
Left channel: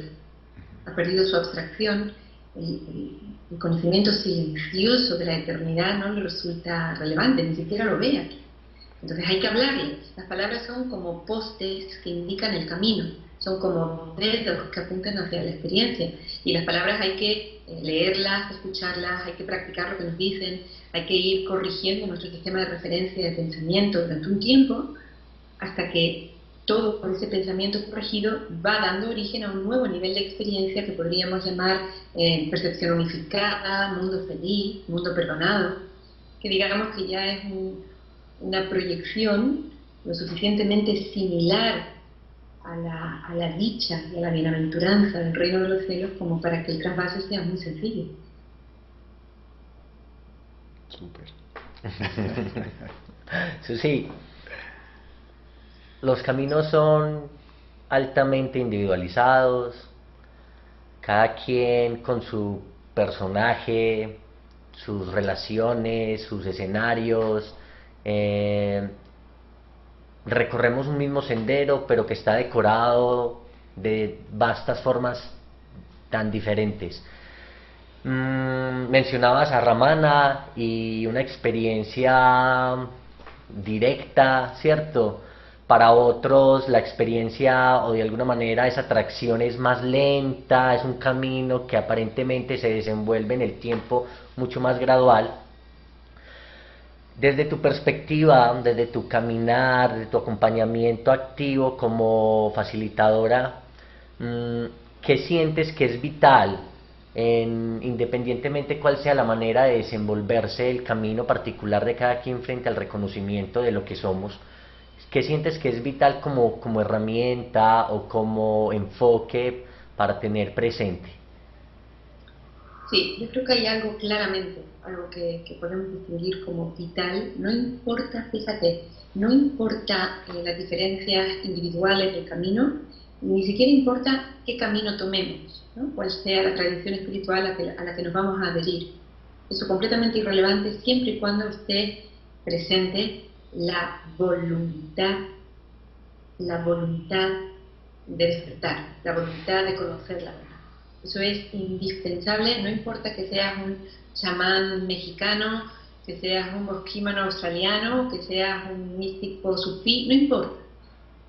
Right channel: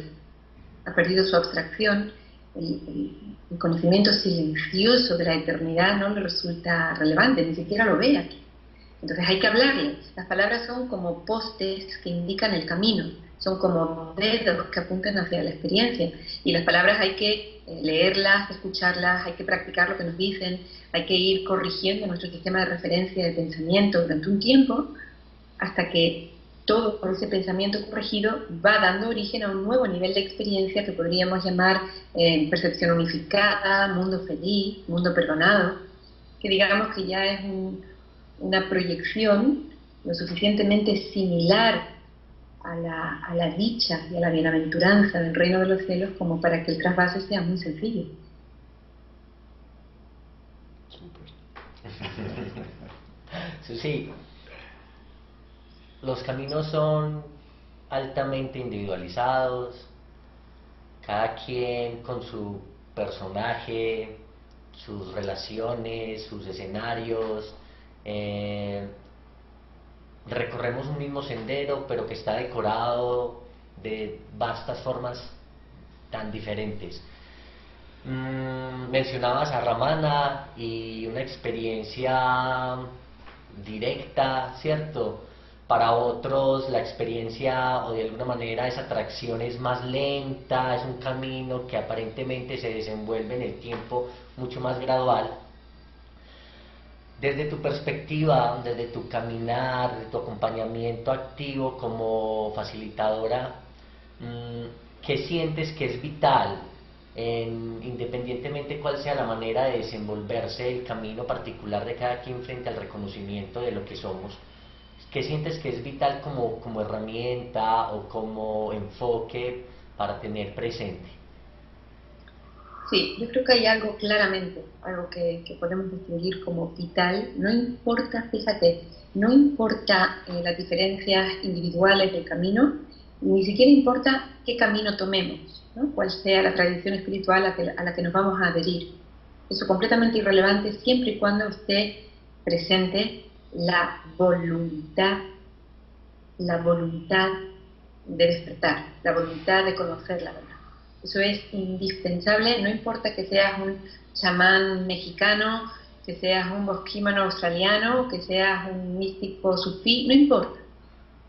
ha perdido su abstracción, el conocimiento silencioso de la eternidad no le resulta relevante, ni siquiera lo ve aquí. Entonces hay que hablarle. Las palabras son como postes que indican el camino, son como dedos que apuntan hacia la experiencia. Y las palabras hay que leerlas, escucharlas, hay que practicar lo que nos dicen, hay que ir corrigiendo nuestro sistema de referencia de pensamiento durante un tiempo, hasta que todo con ese pensamiento corregido va dando origen a un nuevo nivel de experiencia que podríamos llamar percepción unificada, mundo feliz, mundo perdonado, que digamos que ya es una proyección lo suficientemente similar a la dicha y a la bienaventuranza del reino de los cielos como para que el trasvase sea muy sencillo. Súper. Sí, los caminos son altamente individualizados, cada quien con su personaje, sus relaciones, sus escenarios, recorremos un mismo sendero, pero que está decorado de vastas formas tan diferentes. Mencionabas a Ramana y una experiencia directa, ¿cierto? Para otros la experiencia o de alguna manera esa atracción es más lenta, es un camino que aparentemente se desenvuelve en el tiempo mucho más gradual. Desde tu perspectiva, desde tu caminar, desde tu acompañamiento activo como facilitadora, ¿qué sientes que es vital, independientemente cuál sea la manera de desenvolverse el camino particular de cada quien frente al reconocimiento de lo que somos? ¿Qué sientes que es vital como herramienta o como enfoque para tener presente? Sí, yo creo que hay algo claramente, algo que podemos distinguir como vital. No importa, fíjate, no importa las diferencias individuales del camino, ni siquiera importa qué camino tomemos, ¿no? Cuál sea la tradición espiritual a la que nos vamos a adherir. Eso es completamente irrelevante siempre y cuando esté presente la voluntad de despertar, la voluntad de conocer la verdad. Eso es indispensable, no importa que seas un chamán mexicano, que seas un bosquímano australiano, que seas un místico sufí, no importa.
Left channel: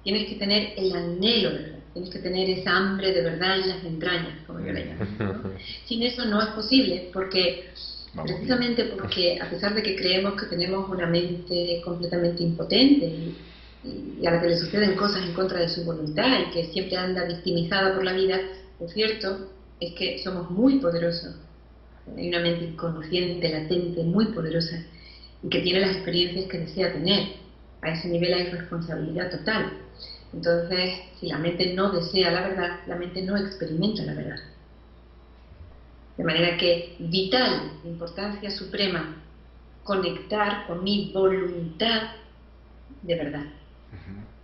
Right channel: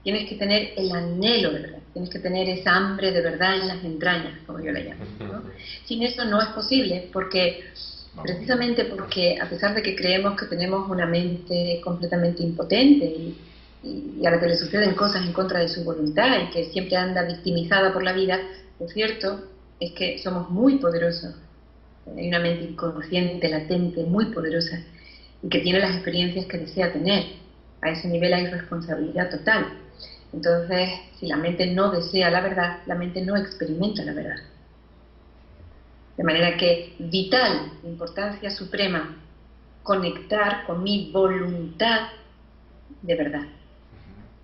Tienes que tener el anhelo de verdad, tienes que tener esa hambre de verdad en las entrañas, como yo la llamo, ¿no? Sin eso no es posible, precisamente porque a pesar de que creemos que tenemos una mente completamente impotente y a la que le suceden cosas en contra de su voluntad y que siempre anda victimizada por la vida, lo cierto es que somos muy poderosos. Hay una mente inconsciente, latente, muy poderosa, y que tiene las experiencias que desea tener. A ese nivel hay responsabilidad total. Entonces, si la mente no desea la verdad, la mente no experimenta la verdad. De manera que vital, importancia suprema, conectar con mi voluntad de verdad.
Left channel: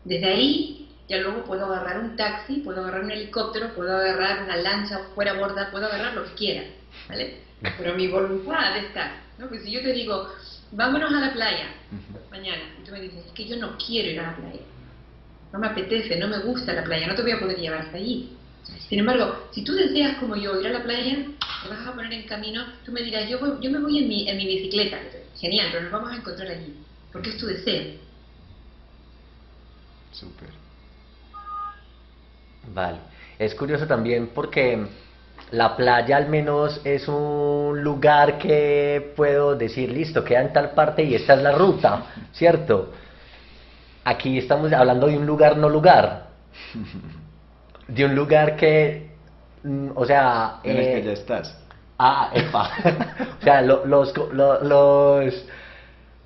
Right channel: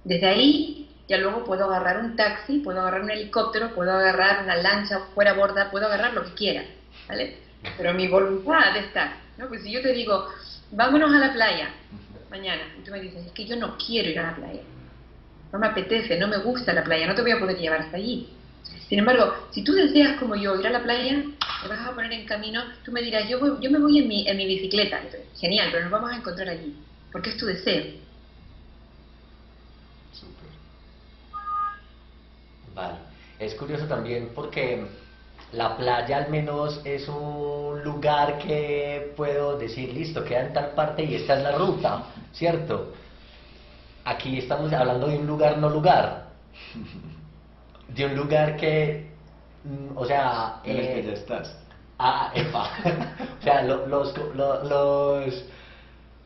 Desde ahí ya luego puedo agarrar un taxi, puedo agarrar un helicóptero, puedo agarrar una lancha fuera borda, puedo agarrar lo que quiera, ¿vale? Pero mi voluntad está, ¿no? Pues si yo te digo, vámonos a la playa mañana, y tú me dices, es que yo no quiero ir a la playa, no me apetece, no me gusta la playa, no te voy a poder llevar hasta allí. Sin embargo, si tú deseas como yo ir a la playa, te vas a poner en camino, tú me dirás, yo me voy en mi bicicleta. Genial, pero nos vamos a encontrar allí, porque es tu deseo. Súper. Vale. Es curioso también porque la playa al menos es un lugar que puedo decir, listo, queda en tal parte y esta es la ruta, ¿cierto? Aquí estamos hablando de un lugar no lugar, de un lugar que, o sea... En el que ya estás. Epa. O sea,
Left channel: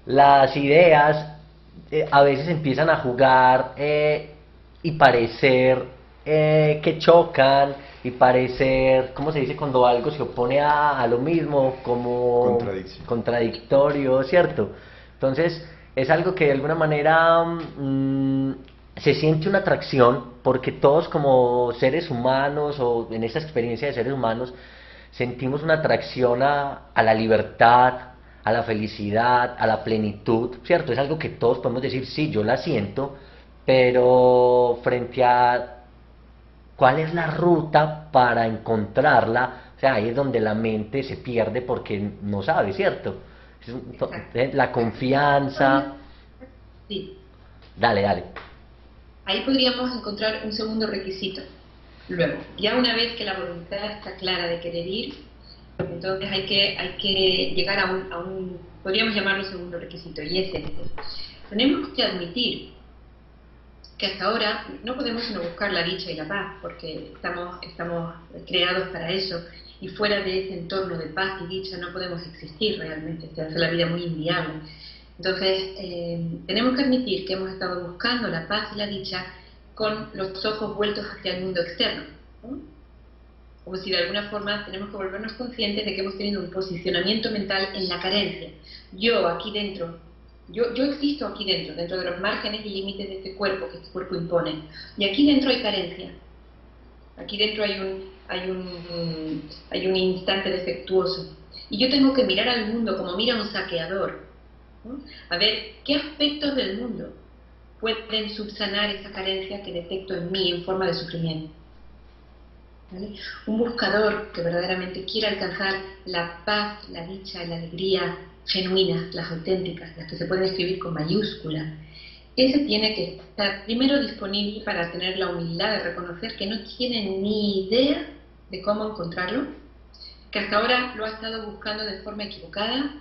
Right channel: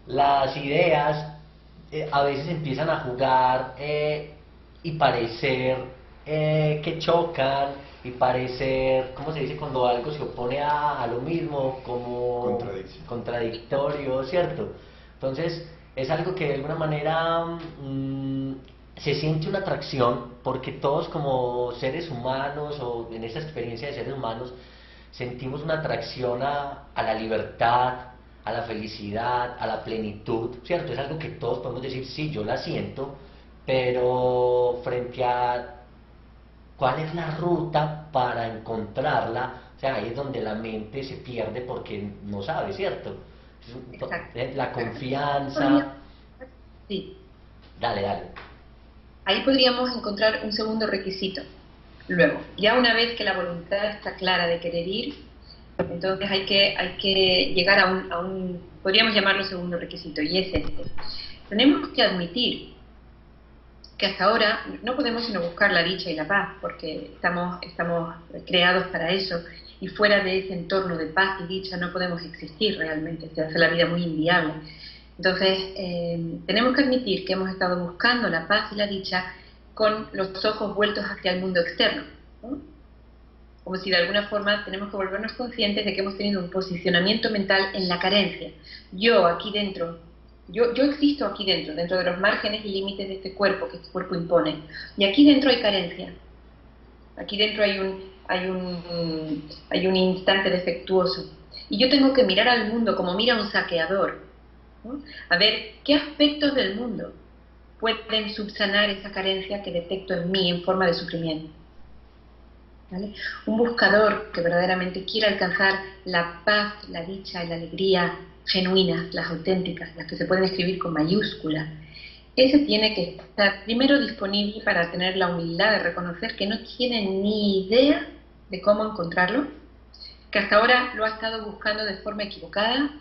las ideas a veces empiezan a jugar y parecer que chocan y parecer, ¿cómo se dice? Cuando algo se opone a lo mismo, como contradictorio, ¿cierto? Entonces, es algo que de alguna manera se siente una atracción porque todos como seres humanos o en esa experiencia de seres humanos sentimos una atracción a la libertad, a la felicidad, a la plenitud, ¿cierto? Es algo que todos podemos decir, sí, yo la siento, pero frente a cuál es la ruta para encontrarla, o sea, ahí es donde la mente se pierde porque no sabe, ¿cierto? La confianza... Sí. Dale. Ahí podríamos encontrar un segundo requisito. Luego, ya una vez que la voluntad está clara de querer ir, entonces hay que llegar a un podríamos llamarlo segundo requisito, y es este. Tenemos que admitir que hasta ahora no podemos sino buscar la dicha y la paz, porque estamos creados para eso, y fuera de ese entorno de paz y dicha no podemos existir realmente, se hace la vida muy inviable. Entonces, tenemos que admitir que hemos estado buscando la paz y la dicha con los ojos vueltos hacia el mundo externo, ¿no? Como si de alguna forma tenemos que volvernos conscientes de que hemos tenido un posicionamiento mental en la carencia. Yo aquí dentro, yo existo aquí dentro de los márgenes y límites de este cuerpo que este cuerpo impone, y aquí dentro hay carencia. Aquí dentro hay un instante defectuoso. Y yo tengo que mirar al mundo como mira un saqueador, ¿no? A ver qué aspectos del mundo pueden subsanar esa carencia que detecto en mí en forma de sufrimiento. ¿Vale? Un buscador que verdaderamente quiera alcanzar la paz, la dicha y la alegría genuinas, las auténticas, las que se pueden escribir con mayúscula, ese tiene que estar primero disponible para tener la humildad de reconocer que no tiene ni idea de cómo encontrarlo, que hasta ahora lo ha estado buscando de forma equivocada,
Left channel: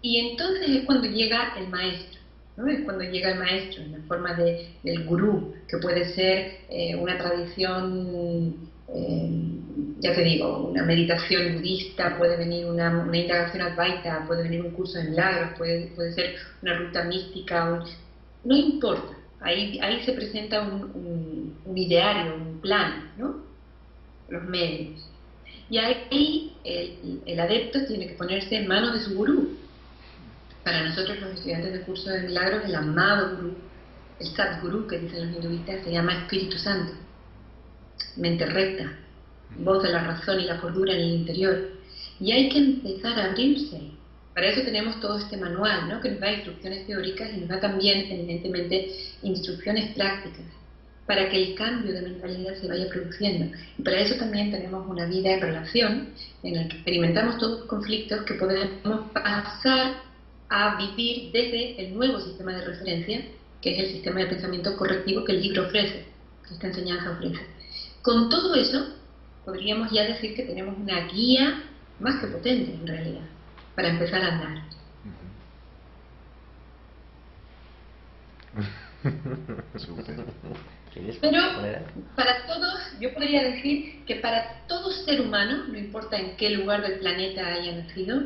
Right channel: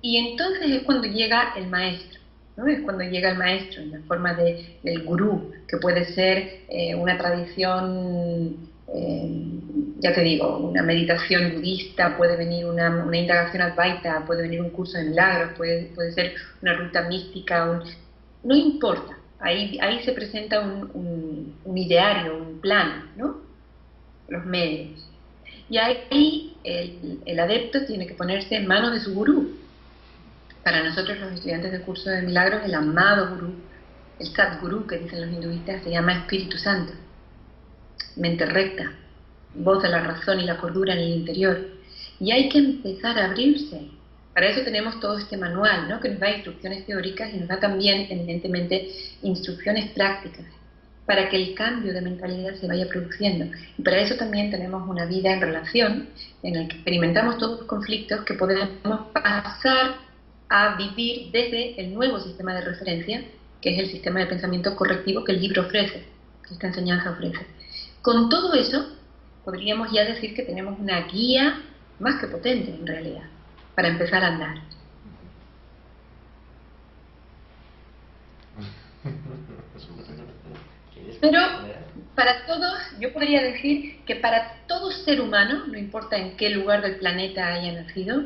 y entonces es cuando llega el maestro, ¿no? Es cuando llega el maestro en la forma del gurú, que puede ser una tradición, ya te digo, una meditación budista, puede venir una indagación advaita, puede venir un curso de milagros, puede ser una ruta mística, no importa, ahí se presenta un ideario, un plan, ¿no? Los medios. Y ahí el adepto tiene que ponerse en manos de su gurú. Para nosotros los estudiantes del curso de milagros, el amado gurú, el Sadguru que dicen los hinduistas, se llama Espíritu Santo, mente recta, voz de la razón y la cordura en el interior. Y hay que empezar a abrirse. Para eso tenemos todo este manual, ¿no? Que nos da instrucciones teóricas y nos da también, evidentemente, instrucciones prácticas para que el cambio de mentalidad se vaya produciendo. Y para eso también tenemos una vida en relación en la que experimentamos todos los conflictos que podemos pasar a vivir desde el nuevo sistema de referencia, que es el sistema de pensamiento correctivo que el libro ofrece, que esta enseñanza ofrece. Con todo eso, podríamos ya decir que tenemos una guía más que potente, en realidad, para empezar a andar. Pero para todos, yo podría decir que para todo ser humano, no importa en qué lugar del planeta haya nacido,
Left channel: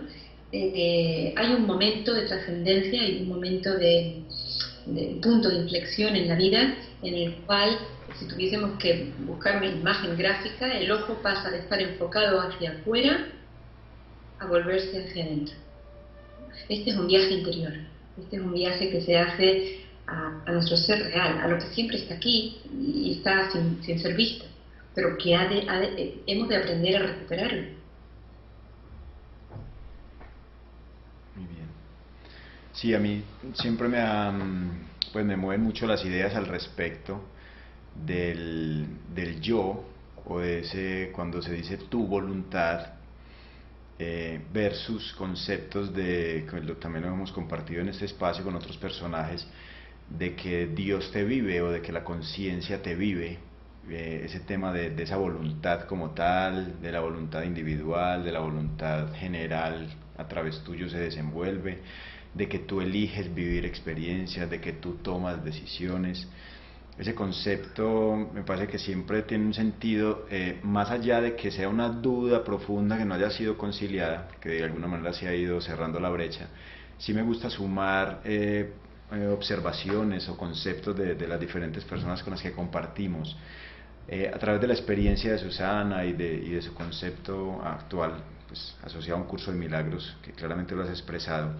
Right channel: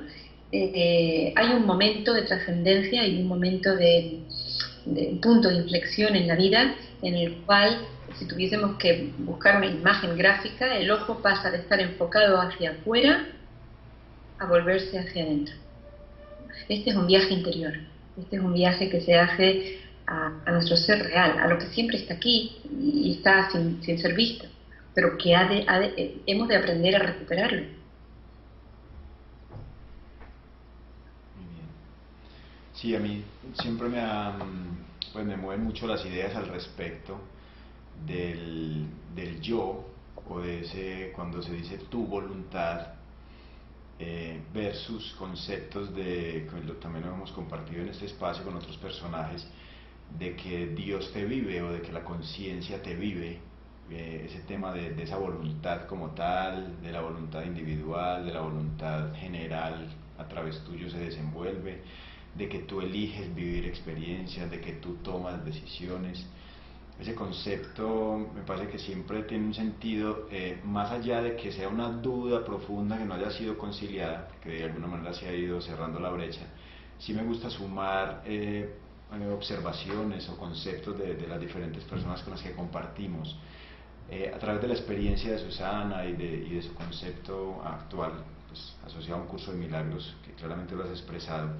hay un momento de trascendencia y un momento de punto de inflexión en la vida en el cual si tuviésemos que buscar una imagen gráfica, el ojo pasa de estar enfocado hacia afuera a volverse hacia adentro. Este es un viaje interior, este es un viaje que se hace a nuestro ser real, a lo que siempre está aquí y está sin ser visto, pero que hemos de aprender a recuperarlo. Muy bien. Sí, a mí siempre pues me mueven mucho las ideas al respecto del yo, o de ese, cuando se dice tu voluntad, versus conceptos que también lo hemos compartido en este espacio con otros personajes, de que Dios te vive o de que la conciencia te vive, ese tema de esa voluntad como tal, de la voluntad individual, de la voluntad general a través tuyo se desenvuelve, de que tú eliges vivir experiencias, de que tú tomas decisiones. Ese concepto me parece que siempre tiene un sentido, más allá de que sea una duda profunda que no haya sido conciliada, que de alguna manera se ha ido cerrando la brecha. Sí me gusta sumar observaciones o conceptos de las diferentes personas con las que compartimos, a través de la experiencia de Susana y de su concepto actual, pues, asociado a un curso de milagros, que claramente lo has expresado.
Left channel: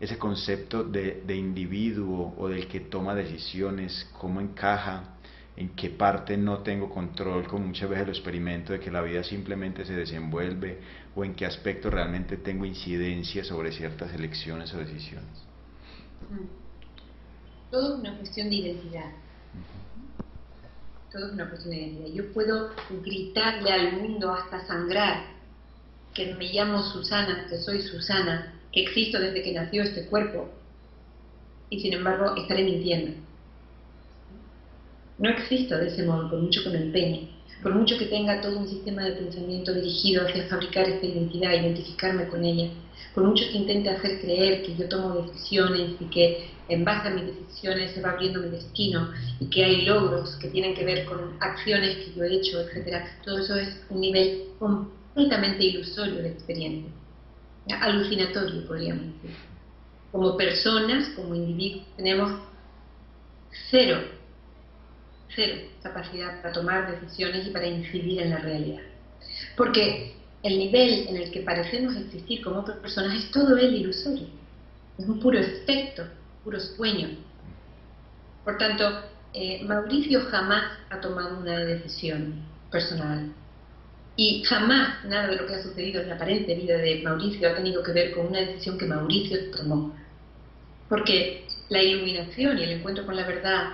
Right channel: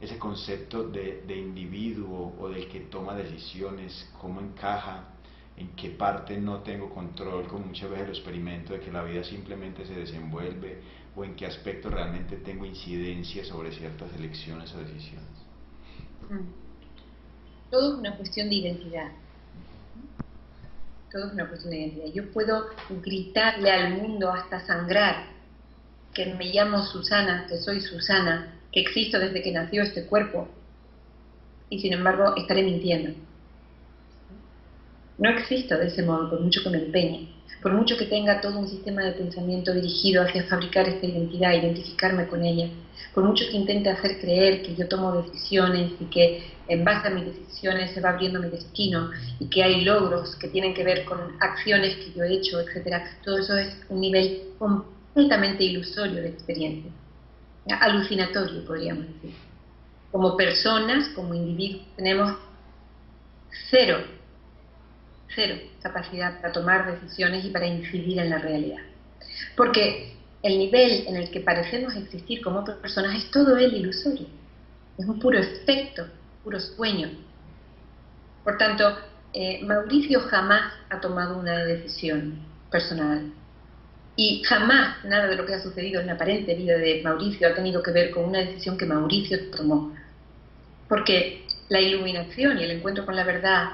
Ese concepto de individuo o del que toma decisiones, cómo encaja, en qué parte no tengo control, como muchas veces lo experimento, de que la vida simplemente se desenvuelve, o en qué aspecto realmente tengo incidencia sobre ciertas elecciones o decisiones. Todo es una cuestión de identidad. Todo es una cuestión de identidad. Yo puedo gritarle al mundo hasta sangrar que me llamo Susana, que soy Susana, que existo desde que nació este cuerpo, y sin embargo estaré mintiendo. No existo de ese modo, por mucho que me empeñe, por mucho que tenga todo un sistema de pensamiento dirigido hacia fabricar esta identidad, identificarme con ella, por mucho que intente hacer creer que yo tomo decisiones y que en base a mis decisiones se va abriendo mi destino y que hay logros que tienen que ver con acciones que yo he hecho, etc. Todo eso es un nivel completamente ilusorio de experiencia, alucinatorio, podríamos decir. Como personas, como individuos, tenemos cero capacidad para tomar decisiones y para incidir en la realidad. Porque el nivel en el que parecemos existir como personas es todo él ilusorio. Es un puro efecto, puro sueño. Por tanto, Mauricio jamás ha tomado una decisión personal. Y jamás nada de lo que ha sucedido en la aparente vida de Mauricio ha tenido que ver con una decisión que Mauricio tomó. Porque la iluminación y el encuentro con la verdad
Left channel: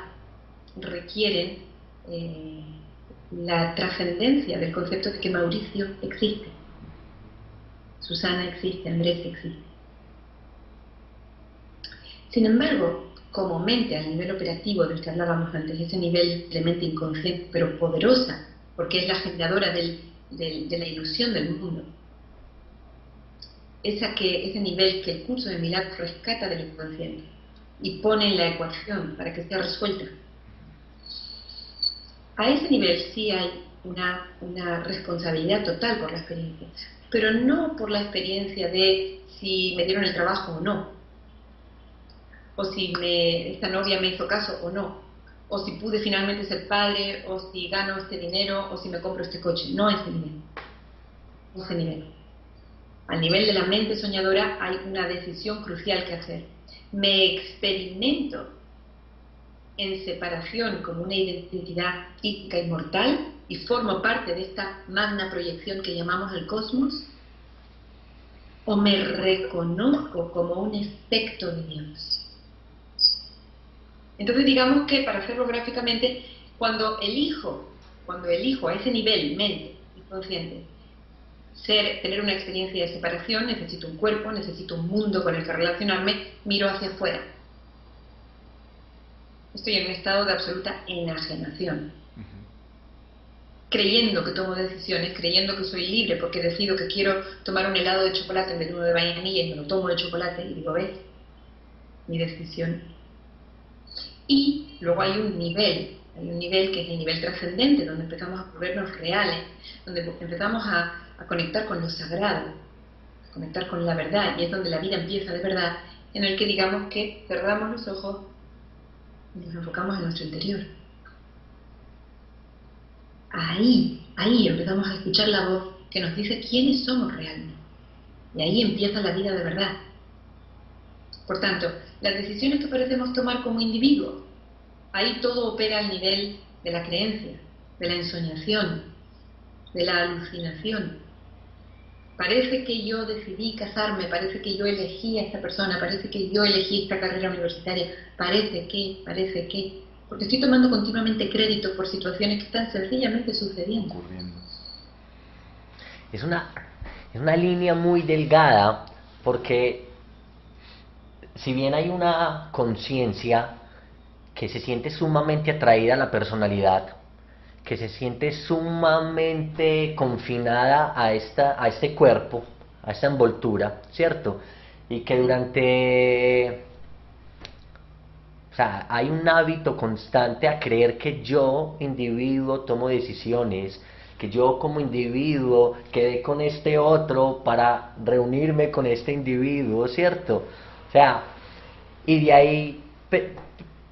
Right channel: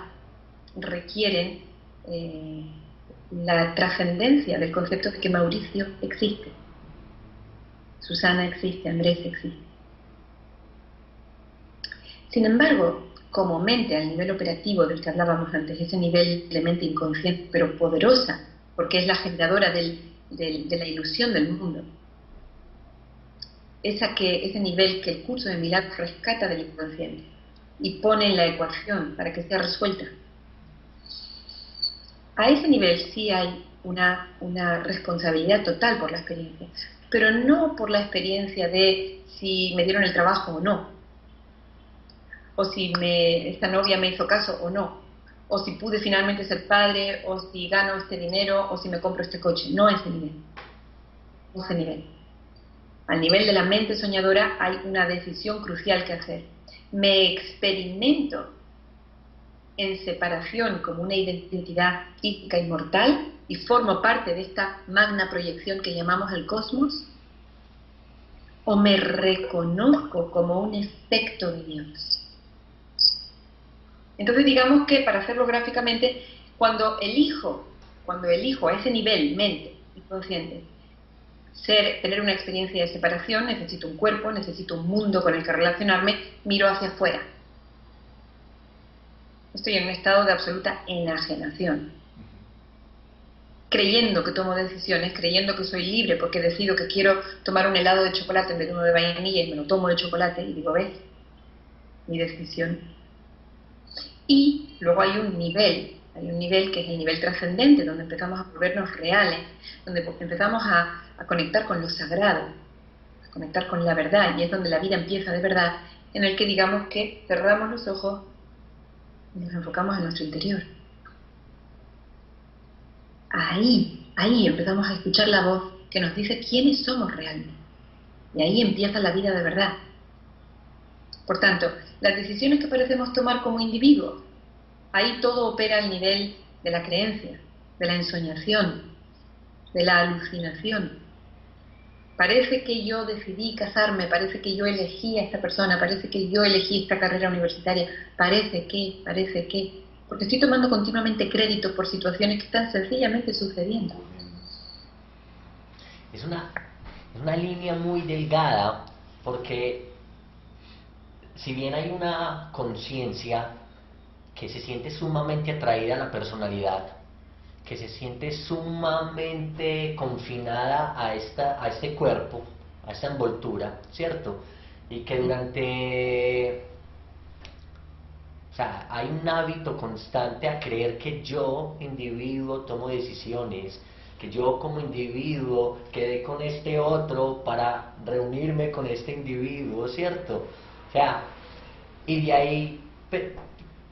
requieren la trascendencia del concepto de que Mauricio existe, Susana existe, Andrés existe. Sin embargo, como mente al nivel operativo del que hablábamos antes, ese nivel de mente inconsciente pero poderosa, porque es la generadora de la ilusión del mundo, ese nivel que el curso de milagros rescata del inconsciente y pone en la ecuación para que sea resuelta. A ese nivel sí hay una responsabilidad total por la experiencia, pero no por la experiencia de si me dieron el trabajo o no, o si esta novia me hizo caso o no, o si pude finalmente ser padre, o si gano este dinero, o si me compro este coche. No a ese nivel. No a ese nivel. Al nivel de la mente soñadora hay una decisión crucial que hacer. Me experimento en separación como una identidad física inmortal y formo parte de esta magna proyección que llamamos el cosmos, o me reconozco como un efecto de Dios. Entonces digamos que, para hacerlo gráficamente, cuando elijo a ese nivel mente inconsciente tener una experiencia de separación, necesito un cuerpo, necesito un mundo con el que relacionarme, miro hacia afuera. Estoy en un estado de absoluta enajenación, creyendo que tomo decisiones, creyendo que soy libre porque decido que quiero tomar un helado de chocolate en vez de uno de vainilla y me lo tomo de chocolate y digo, ¿ves? Mi decisión. Y luego hay un nivel que es el nivel trascendente, donde empezamos a volvernos reales, donde empezamos a conectar con lo sagrado, a conectar con la verdad, y es donde la vida empieza de verdad, en el que digamos que cerramos los ojos y nos enfocamos en nuestro interior. ahí empezamos a escuchar la voz que nos dice quiénes somos realmente. Y ahí empieza la vida de verdad. Por tanto, las decisiones que parecemos tomar como individuos, ahí todo opera al nivel de la creencia, de la ensoñación, de la alucinación. Parece que yo decidí casarme, parece que yo elegí a esta persona, parece que yo elegí esta carrera universitaria, parece que, porque estoy tomando continuamente crédito por situaciones que están sencillamente sucediendo. Es una línea muy delgada, porque si bien hay una conciencia que se siente sumamente atraída a la personalidad, que se siente sumamente confinada a este cuerpo, a esta envoltura, ¿cierto? Y que o sea, hay un hábito constante a creer que yo, individuo, tomo decisiones, que yo como individuo quedé con este otro para reunirme con este individuo, ¿cierto? O sea, y de ahí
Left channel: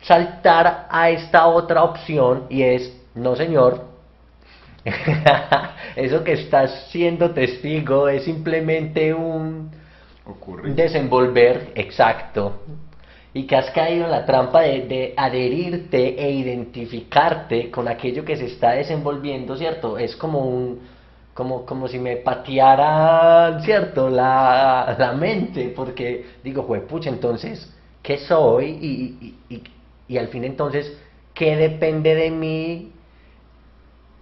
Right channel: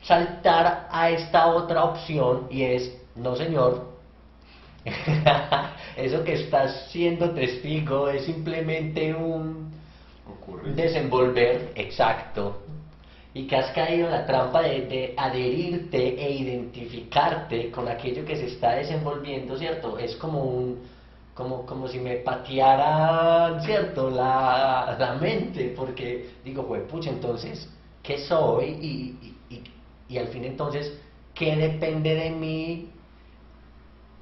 saltar a esta otra opción, y es, no señor, eso que estás siendo testigo es simplemente un desenvolver exacto, y que has caído en la trampa de adherirte e identificarte con aquello que se está desenvolviendo, ¿cierto? Es como si me patearan, ¿cierto? La mente, porque digo, juepucha, entonces, ¿qué soy? Y al fin entonces, ¿qué depende de mí?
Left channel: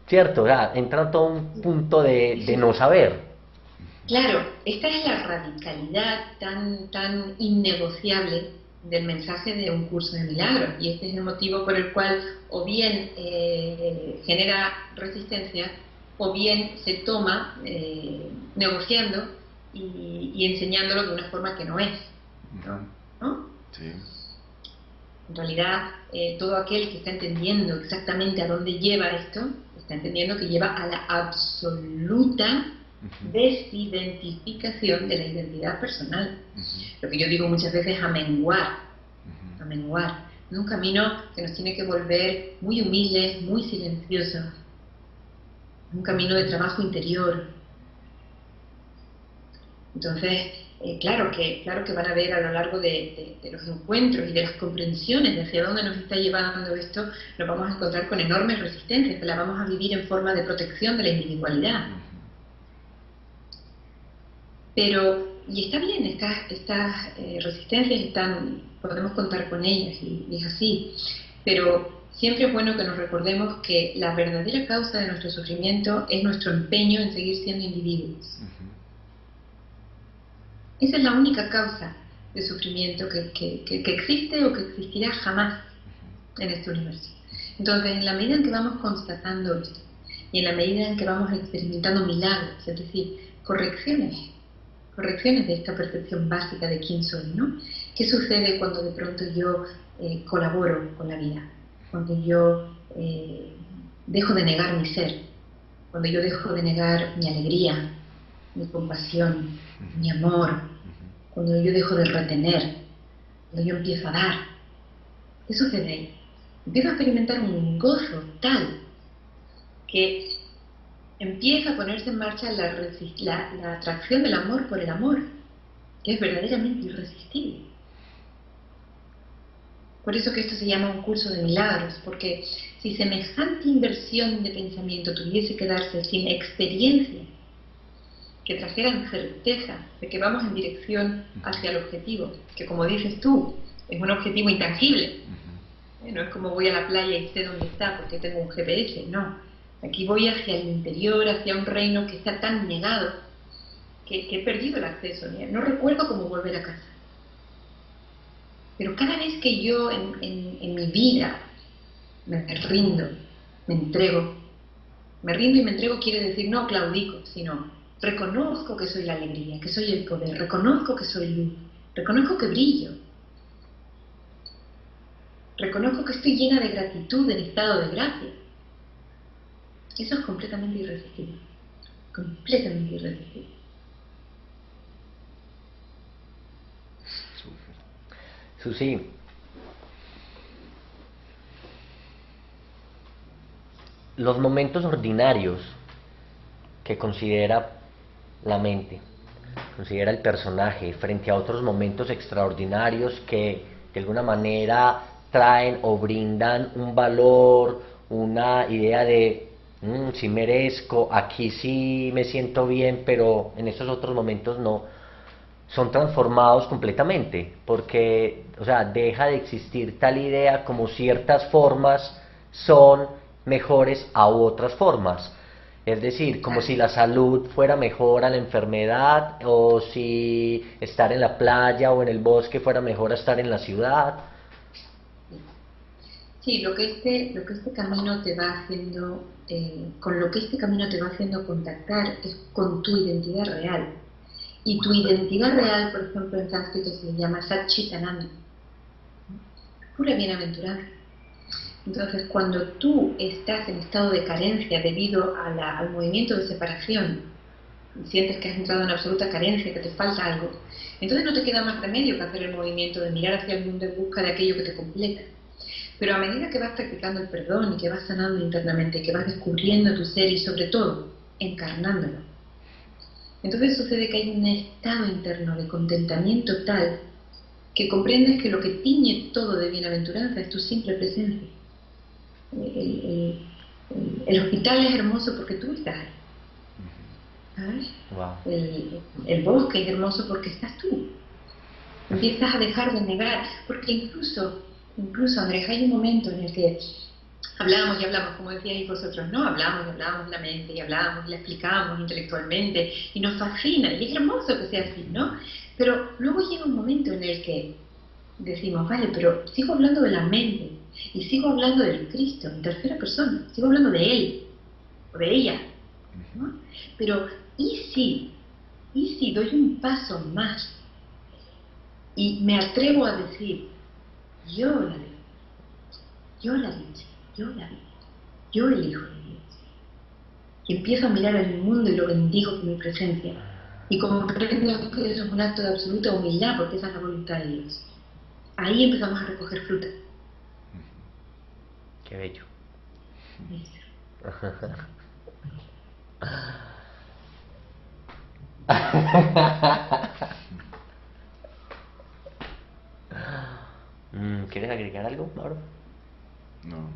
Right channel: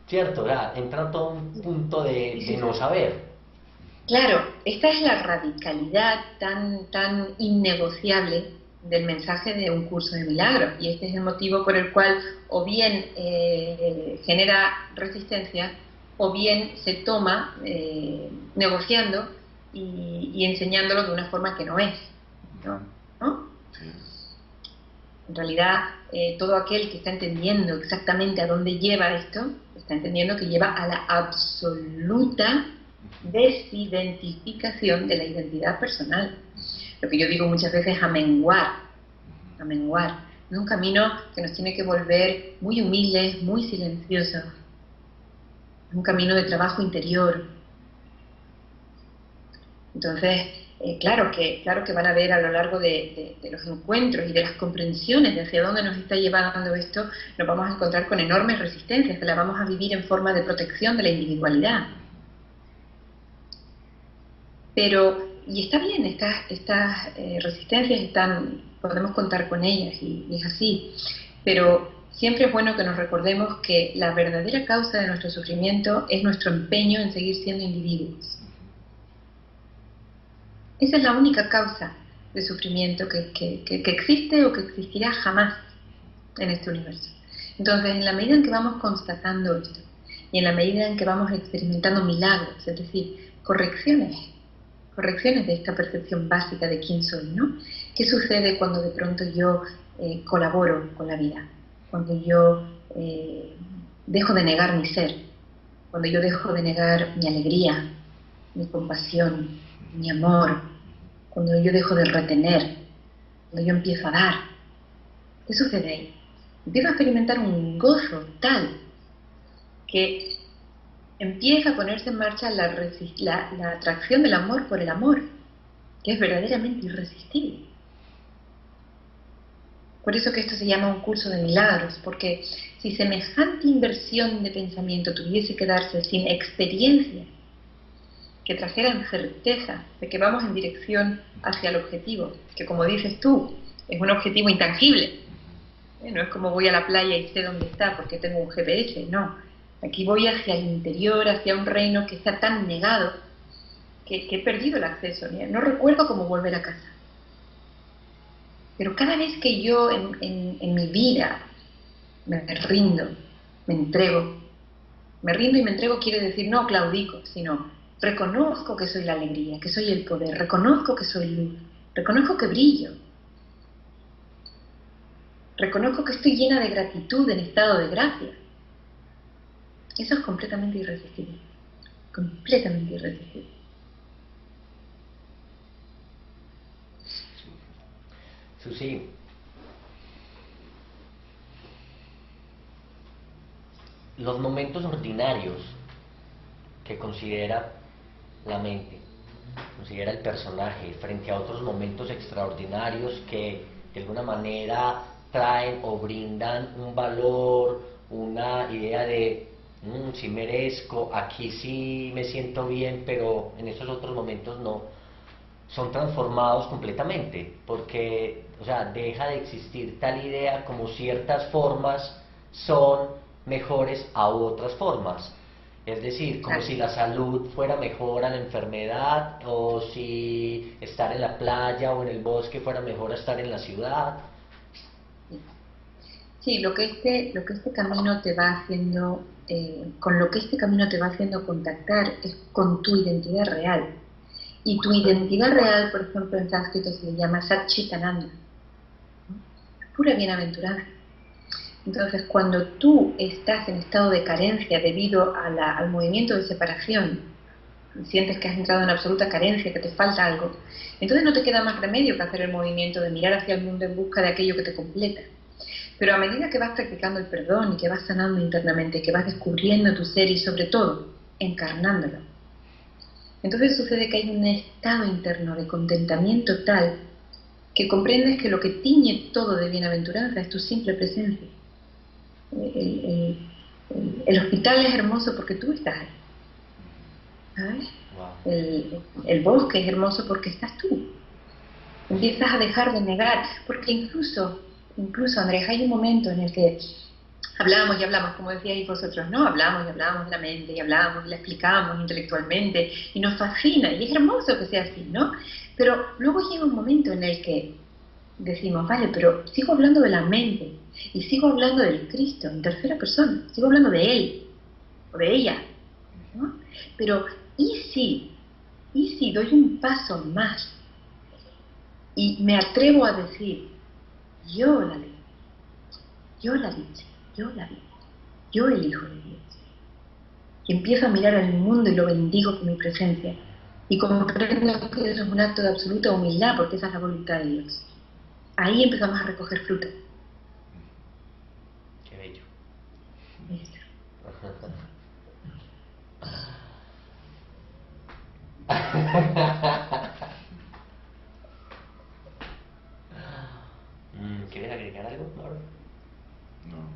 ¿Cierto? O sea, entra todo un punto de no saber. Claro, esta es la radicalidad tan innegociable del mensaje de un curso de milagros, y este es el motivo por el cual o bien genera resistencia o bien se toma negociando y enseñándolo de una forma que no es, ¿no? Sí. En realidad, todo aquel que está entendiendo exactamente a dónde lleva esto, está entendiendo que lleva a la absoluta desidentificación de la identidad personal. Lo que yo digo muchas veces es a menguar. Es un camino que nos tiene que volver muy humildes, muy silenciosos. Es un camino de trabajo interior. Entonces, claro que van a haber a lo largo de los encuentros y de las comprensiones de hacia dónde nos está llevando esto, nos vamos a encontrar con enormes resistencias, que las vamos a vivir en forma de protección de la individualidad. Pero, y está bien, estas resistencias podemos contar con ellas, y es así, pero siempre es bueno que nos recordemos que la verdadera causa de nuestro sufrimiento es nuestro empeño en seguir siendo individuos. Esa es la única causa de sufrimiento que existe o que existirá jamás en este universo. Entonces, en la medida en que vamos constatando esto, y en la medida en que vamos experimentando milagros, es decir, correcciones de esta percepción básica de quién soy, ¿no? ¿Qué sucede cuando de pronto yo colaboro con la vida? Cuando yo dejo de negar mi ser, cuando yo dejo de negar mi alegría, mi compasión, mi amor, cuando yo dejo de retener, cuando yo empiezo a dar. ¿Qué sucede ahí? Empiezo a experimentar un gozo tal que empieza a ponerse en marcha la atracción del amor por el amor, que es verdaderamente irresistible. Por eso que esto se llama un curso de milagros, porque si semejante inversión de pensamiento tuviese que darse sin experiencia, que trajeran certeza de que vamos en dirección hacia el objetivo, que como dices tú, es un objetivo intangible. No es como voy a la playa y sé dónde está porque tengo un GPS, no. Aquí voy hacia el interior, hacia un reino que está tan negado que he perdido el acceso. No recuerdo cómo volver a casa. Pero cada vez que yo en mi vida me rindo, me entrego, me rindo y me entrego quiere decir no claudico, sino reconozco que soy la alegría, que soy el poder, reconozco que soy luz, reconozco que brillo, reconozco que estoy llena de gratitud en estado de gracia. Eso es completamente irresistible, completamente irresistible. Susi, los momentos ordinarios que considera la mente, considera el personaje, frente a otros momentos extraordinarios que de alguna manera traen o brindan un valor, una idea de si merezco, aquí sí me siento bien, pero en esos otros momentos no, son transformados completamente, porque, o sea, deja de existir tal idea como ciertas formas son mejores a otras formas. Es decir, como si la salud fuera mejor a la enfermedad, o si estar en la playa o en el bosque fuera mejor a estar en la ciudad. Sí, lo que este camino te va haciendo, con lo que este camino te va haciendo contactar es con tu identidad real. Y tu identidad real, por ejemplo, en sánscrito se le llama Satchitananda, pura bienaventuranza. Entonces, cuando tú estás en estado de carencia debido a al movimiento de separación, y sientes que has entrado en absoluta carencia, que te falta algo, entonces no te queda más remedio que hacer el movimiento de mirar hacia el mundo en busca de aquello que te completa. Pero a medida que vas practicando el perdón y que vas sanando internamente, que vas descubriendo tu ser y sobre todo encarnándolo, entonces sucede que hay un estado interno de contentamiento tal que comprendes que lo que tiñe todo de bienaventuranza es tu simple presencia. El hospital es hermoso porque tú estás ahí, ¿sabes? Wow. El bosque es hermoso porque estás tú. Empiezas a dejar de negar, porque incluso Andrés, hay un momento en el que hablamos y hablamos, como decíais vosotros, ¿no? Hablamos y hablamos de la mente, y hablamos y la explicamos intelectualmente, y nos fascina, y es hermoso que sea así, ¿no? Pero luego llega un momento en el que decimos, vale, pero sigo hablando de la mente, y sigo hablando del Cristo en tercera persona, sigo hablando de Él, o de ella, ¿no? Pero, ¿y si doy un paso más, y me atrevo a decir, yo la ley, yo la dicha, yo la vida, yo elijo de Dios? Y empiezo a mirar al mundo y lo bendigo con mi presencia. Y comprendo que eso es un acto de absoluta humildad, porque esa es la voluntad de Dios. Ahí empezamos a recoger fruta. Qué bello. ¿Quieres agregar algo, Mauro? No.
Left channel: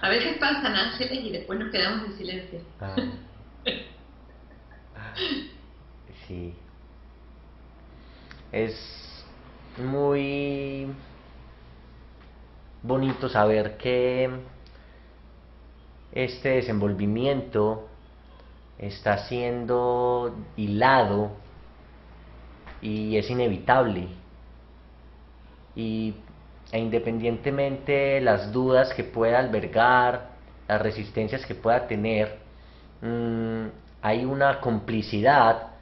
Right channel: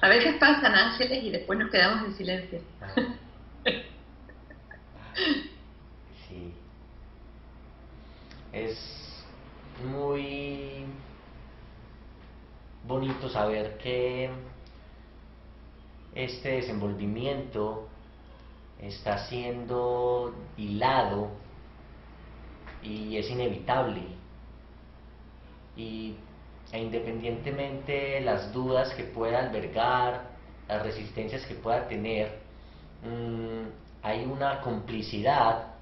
A veces pasan ángeles y después nos quedamos en silencio. Sí. Es muy bonito saber que este desenvolvimiento está siendo hilado y es inevitable. E independientemente las dudas que pueda albergar, las resistencias que pueda tener, hay una complicidad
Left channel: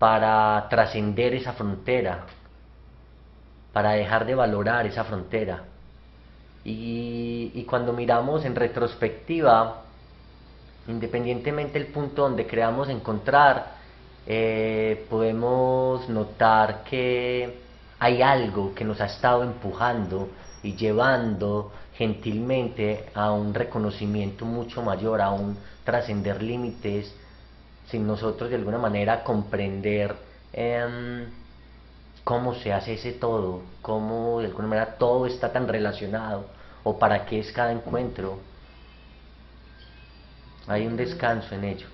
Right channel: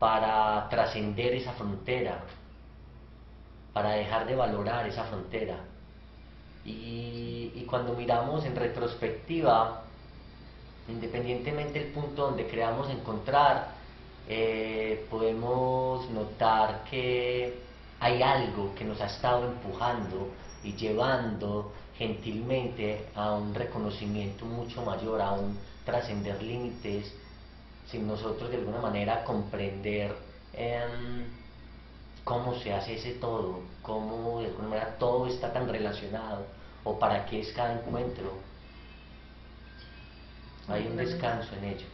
para trascender esa frontera, para dejar de valorar esa frontera. Y cuando miramos en retrospectiva, independientemente del punto donde creamos encontrar, podemos notar que hay algo que nos ha estado empujando y llevando gentilmente a un reconocimiento mucho mayor, a un trascender límites, sin nosotros de alguna manera comprender cómo se hace ese todo, cómo de alguna manera todo está tan relacionado, o para qué es cada encuentro. Hay un descanso en ello.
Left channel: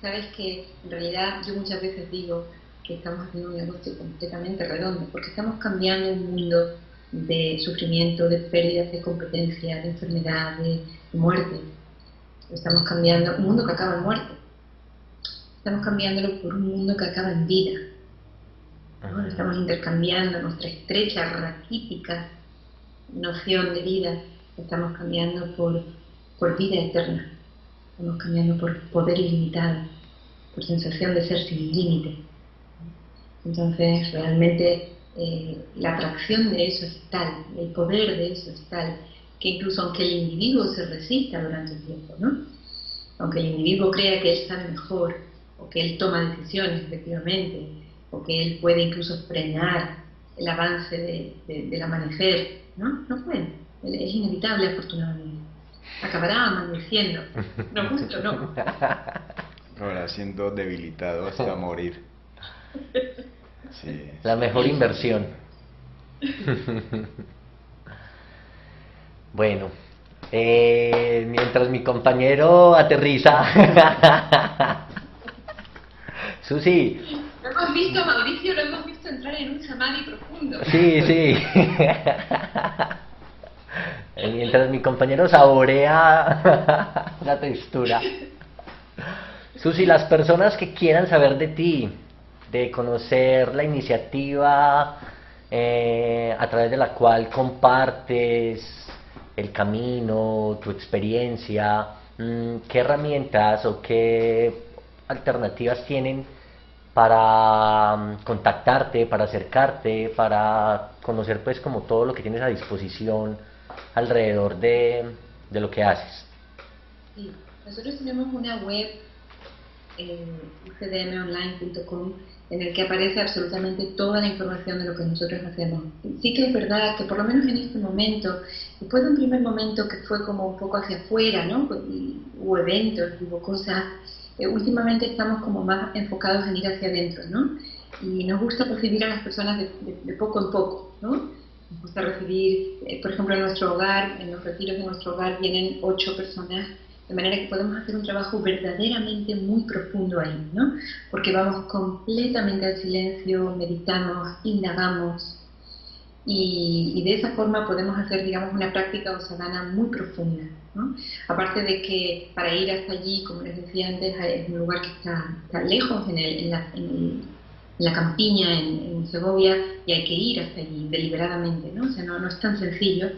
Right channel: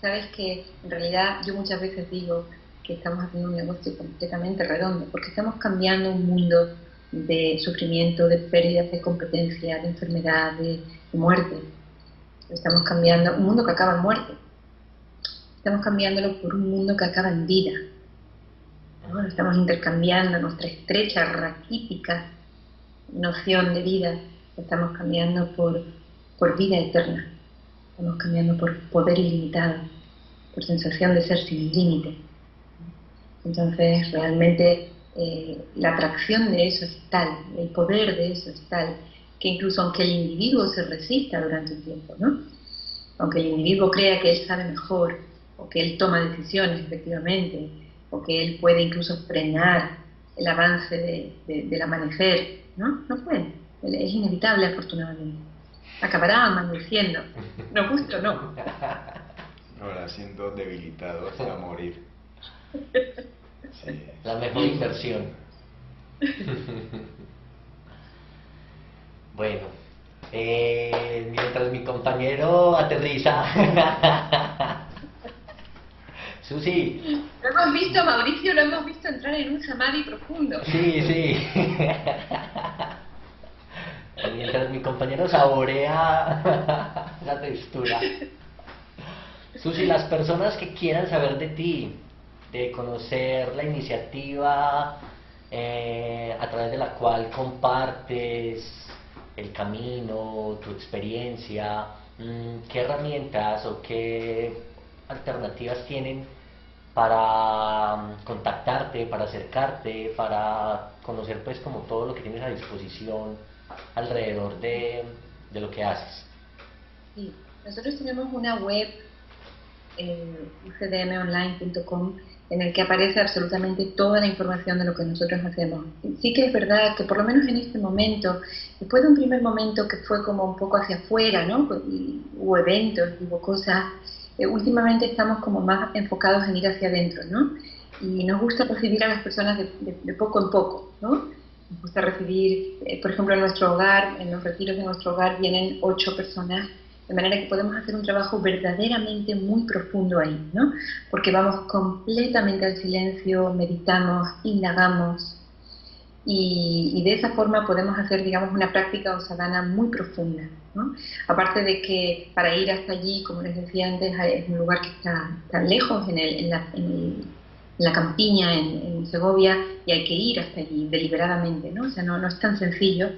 Sabes que en realidad yo muchas veces digo que estamos haciendo un negocio completamente redondo, porque estamos cambiando un mundo de sufrimiento, de pérdidas de competencia, de enfermedad, de muerte. Estamos cambiando un mundo que acaba en muerte. Estamos cambiándolo por un mundo que acaba en vida. ¿No? Estamos intercambiando nuestra estrecha, raquítica noción de vida, estamos cambiando por vida eterna. Estamos cambiando por poder ilimitado, por sensación de ser sin límite. Entonces, realmente la atracción de eso es tal, el poder de eso es tal, que incluso aunque el individuo se resista durante un tiempo, ¿no? Aunque el individuo crea que él sabe mejor, o que él toma decisiones efectivamente, o que él puede incluso frenar el avance del amanecer, ¿no? No puede. es inevitable afortunadamente. Acabará amaneciendo, no gusto, no. Ahora siendo debilitado hasta morir. Sí. La mejor inversión. Bueno, mientras mi compañero aterriza, Susi, Lo hemos visto, Mauricio, lo hemos visto entrar en un samadhi profundo. sí, sí. Mientras mi compañero saborea la textura. Susi, las personas que quieran saber de ti, de conocer la iniciativa a través de la cual compartes el camino, tu experiencia, ¿qué herramientas o qué alternativas tienen para contactarte, para acercarte, para conocer pues como todo lo que tienes a disposición alrededor de lo que haces? Sí, nosotros tenemos una web en ucdmonline.com en el que aparece absolutamente toda la información de lo que nosotros hacemos. Sí que es verdad que por lo menos en este momento, después de un primer momento que fue como un poco hacia afuera, ¿no? Hubo eventos, hubo cosas, últimamente estamos como más enfocados en ir hacia adentro, ¿no? Y nos gusta recibir a las personas de poco en poco, ¿no? Nos gusta recibir, por ejemplo, en nuestro hogar, en los retiros de nuestro hogar vienen 8 personas, de manera que podemos hacer un trabajo verdaderamente muy profundo ahí, ¿no? Porque vamos completamente al silencio, meditamos, indagamos, y de esa forma podemos hacer, digamos, una práctica o sadhana muy profunda, ¿no? Aparte de que para ir hasta allí, como les decía antes, es un lugar que está lejos, en la campiña, en Segovia, y hay que ir hasta allí deliberadamente, ¿no? O sea, no es tan sencillo.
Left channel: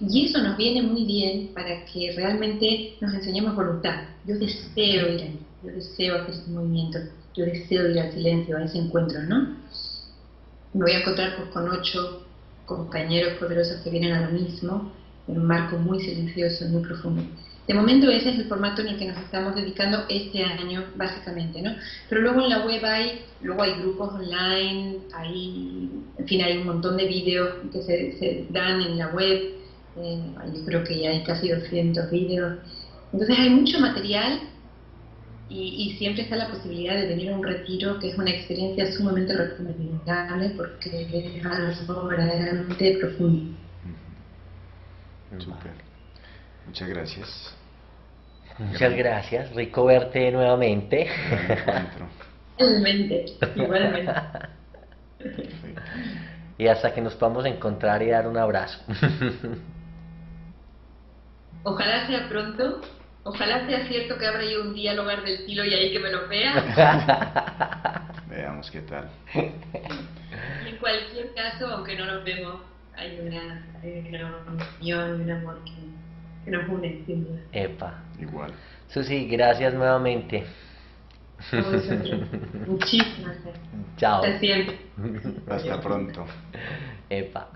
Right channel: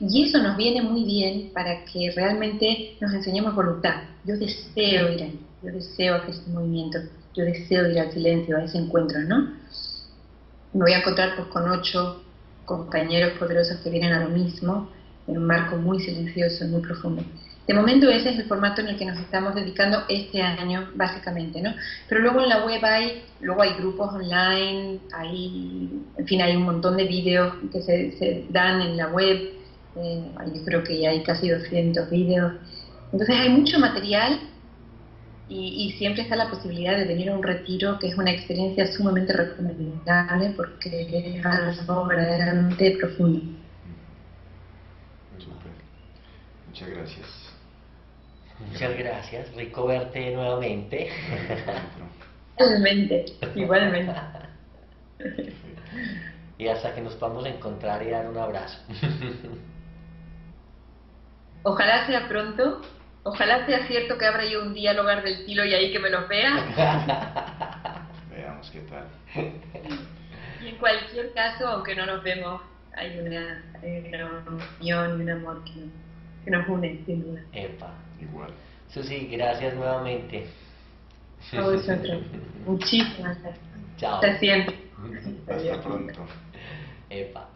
Y eso nos viene muy bien para que realmente nos enseñemos voluntad. Yo deseo ir ahí, yo deseo hacer ese movimiento, yo deseo ir al silencio, a ese encuentro, ¿no? Me voy a encontrar pues, con 8 compañeros poderosos que vienen a lo mismo, en un marco muy silencioso, muy profundo. De momento ese es el formato en el que nos estamos dedicando este año, básicamente, ¿no? Pero luego en la web luego hay grupos online, en fin, hay un montón de vídeos que se dan en la web, yo creo que ya hay casi 200 vídeos. Entonces hay mucho material y siempre está la posibilidad de venir a un retiro, que es una experiencia sumamente recomendable porque es algo verdaderamente profundo. Súper. Muchas gracias. Muchas gracias, rico verte nuevamente. Gran encuentro. Igualmente, igualmente. Perfecto. Y hasta que nos podamos encontrar y dar un abrazo. Ojalá sea pronto, ojalá sea cierto que abra yo un día el hogar del Tilo y ahí que me lo vea. Veamos qué tal. Y en cualquier caso, aunque no nos vemos, hay una unión, un amor que nos une, sin duda. Epa. Igual. Susi, gracias nuevamente. A vosotros. Muchísimas gracias. Chao. Hasta siempre. Hasta pronto. Epa.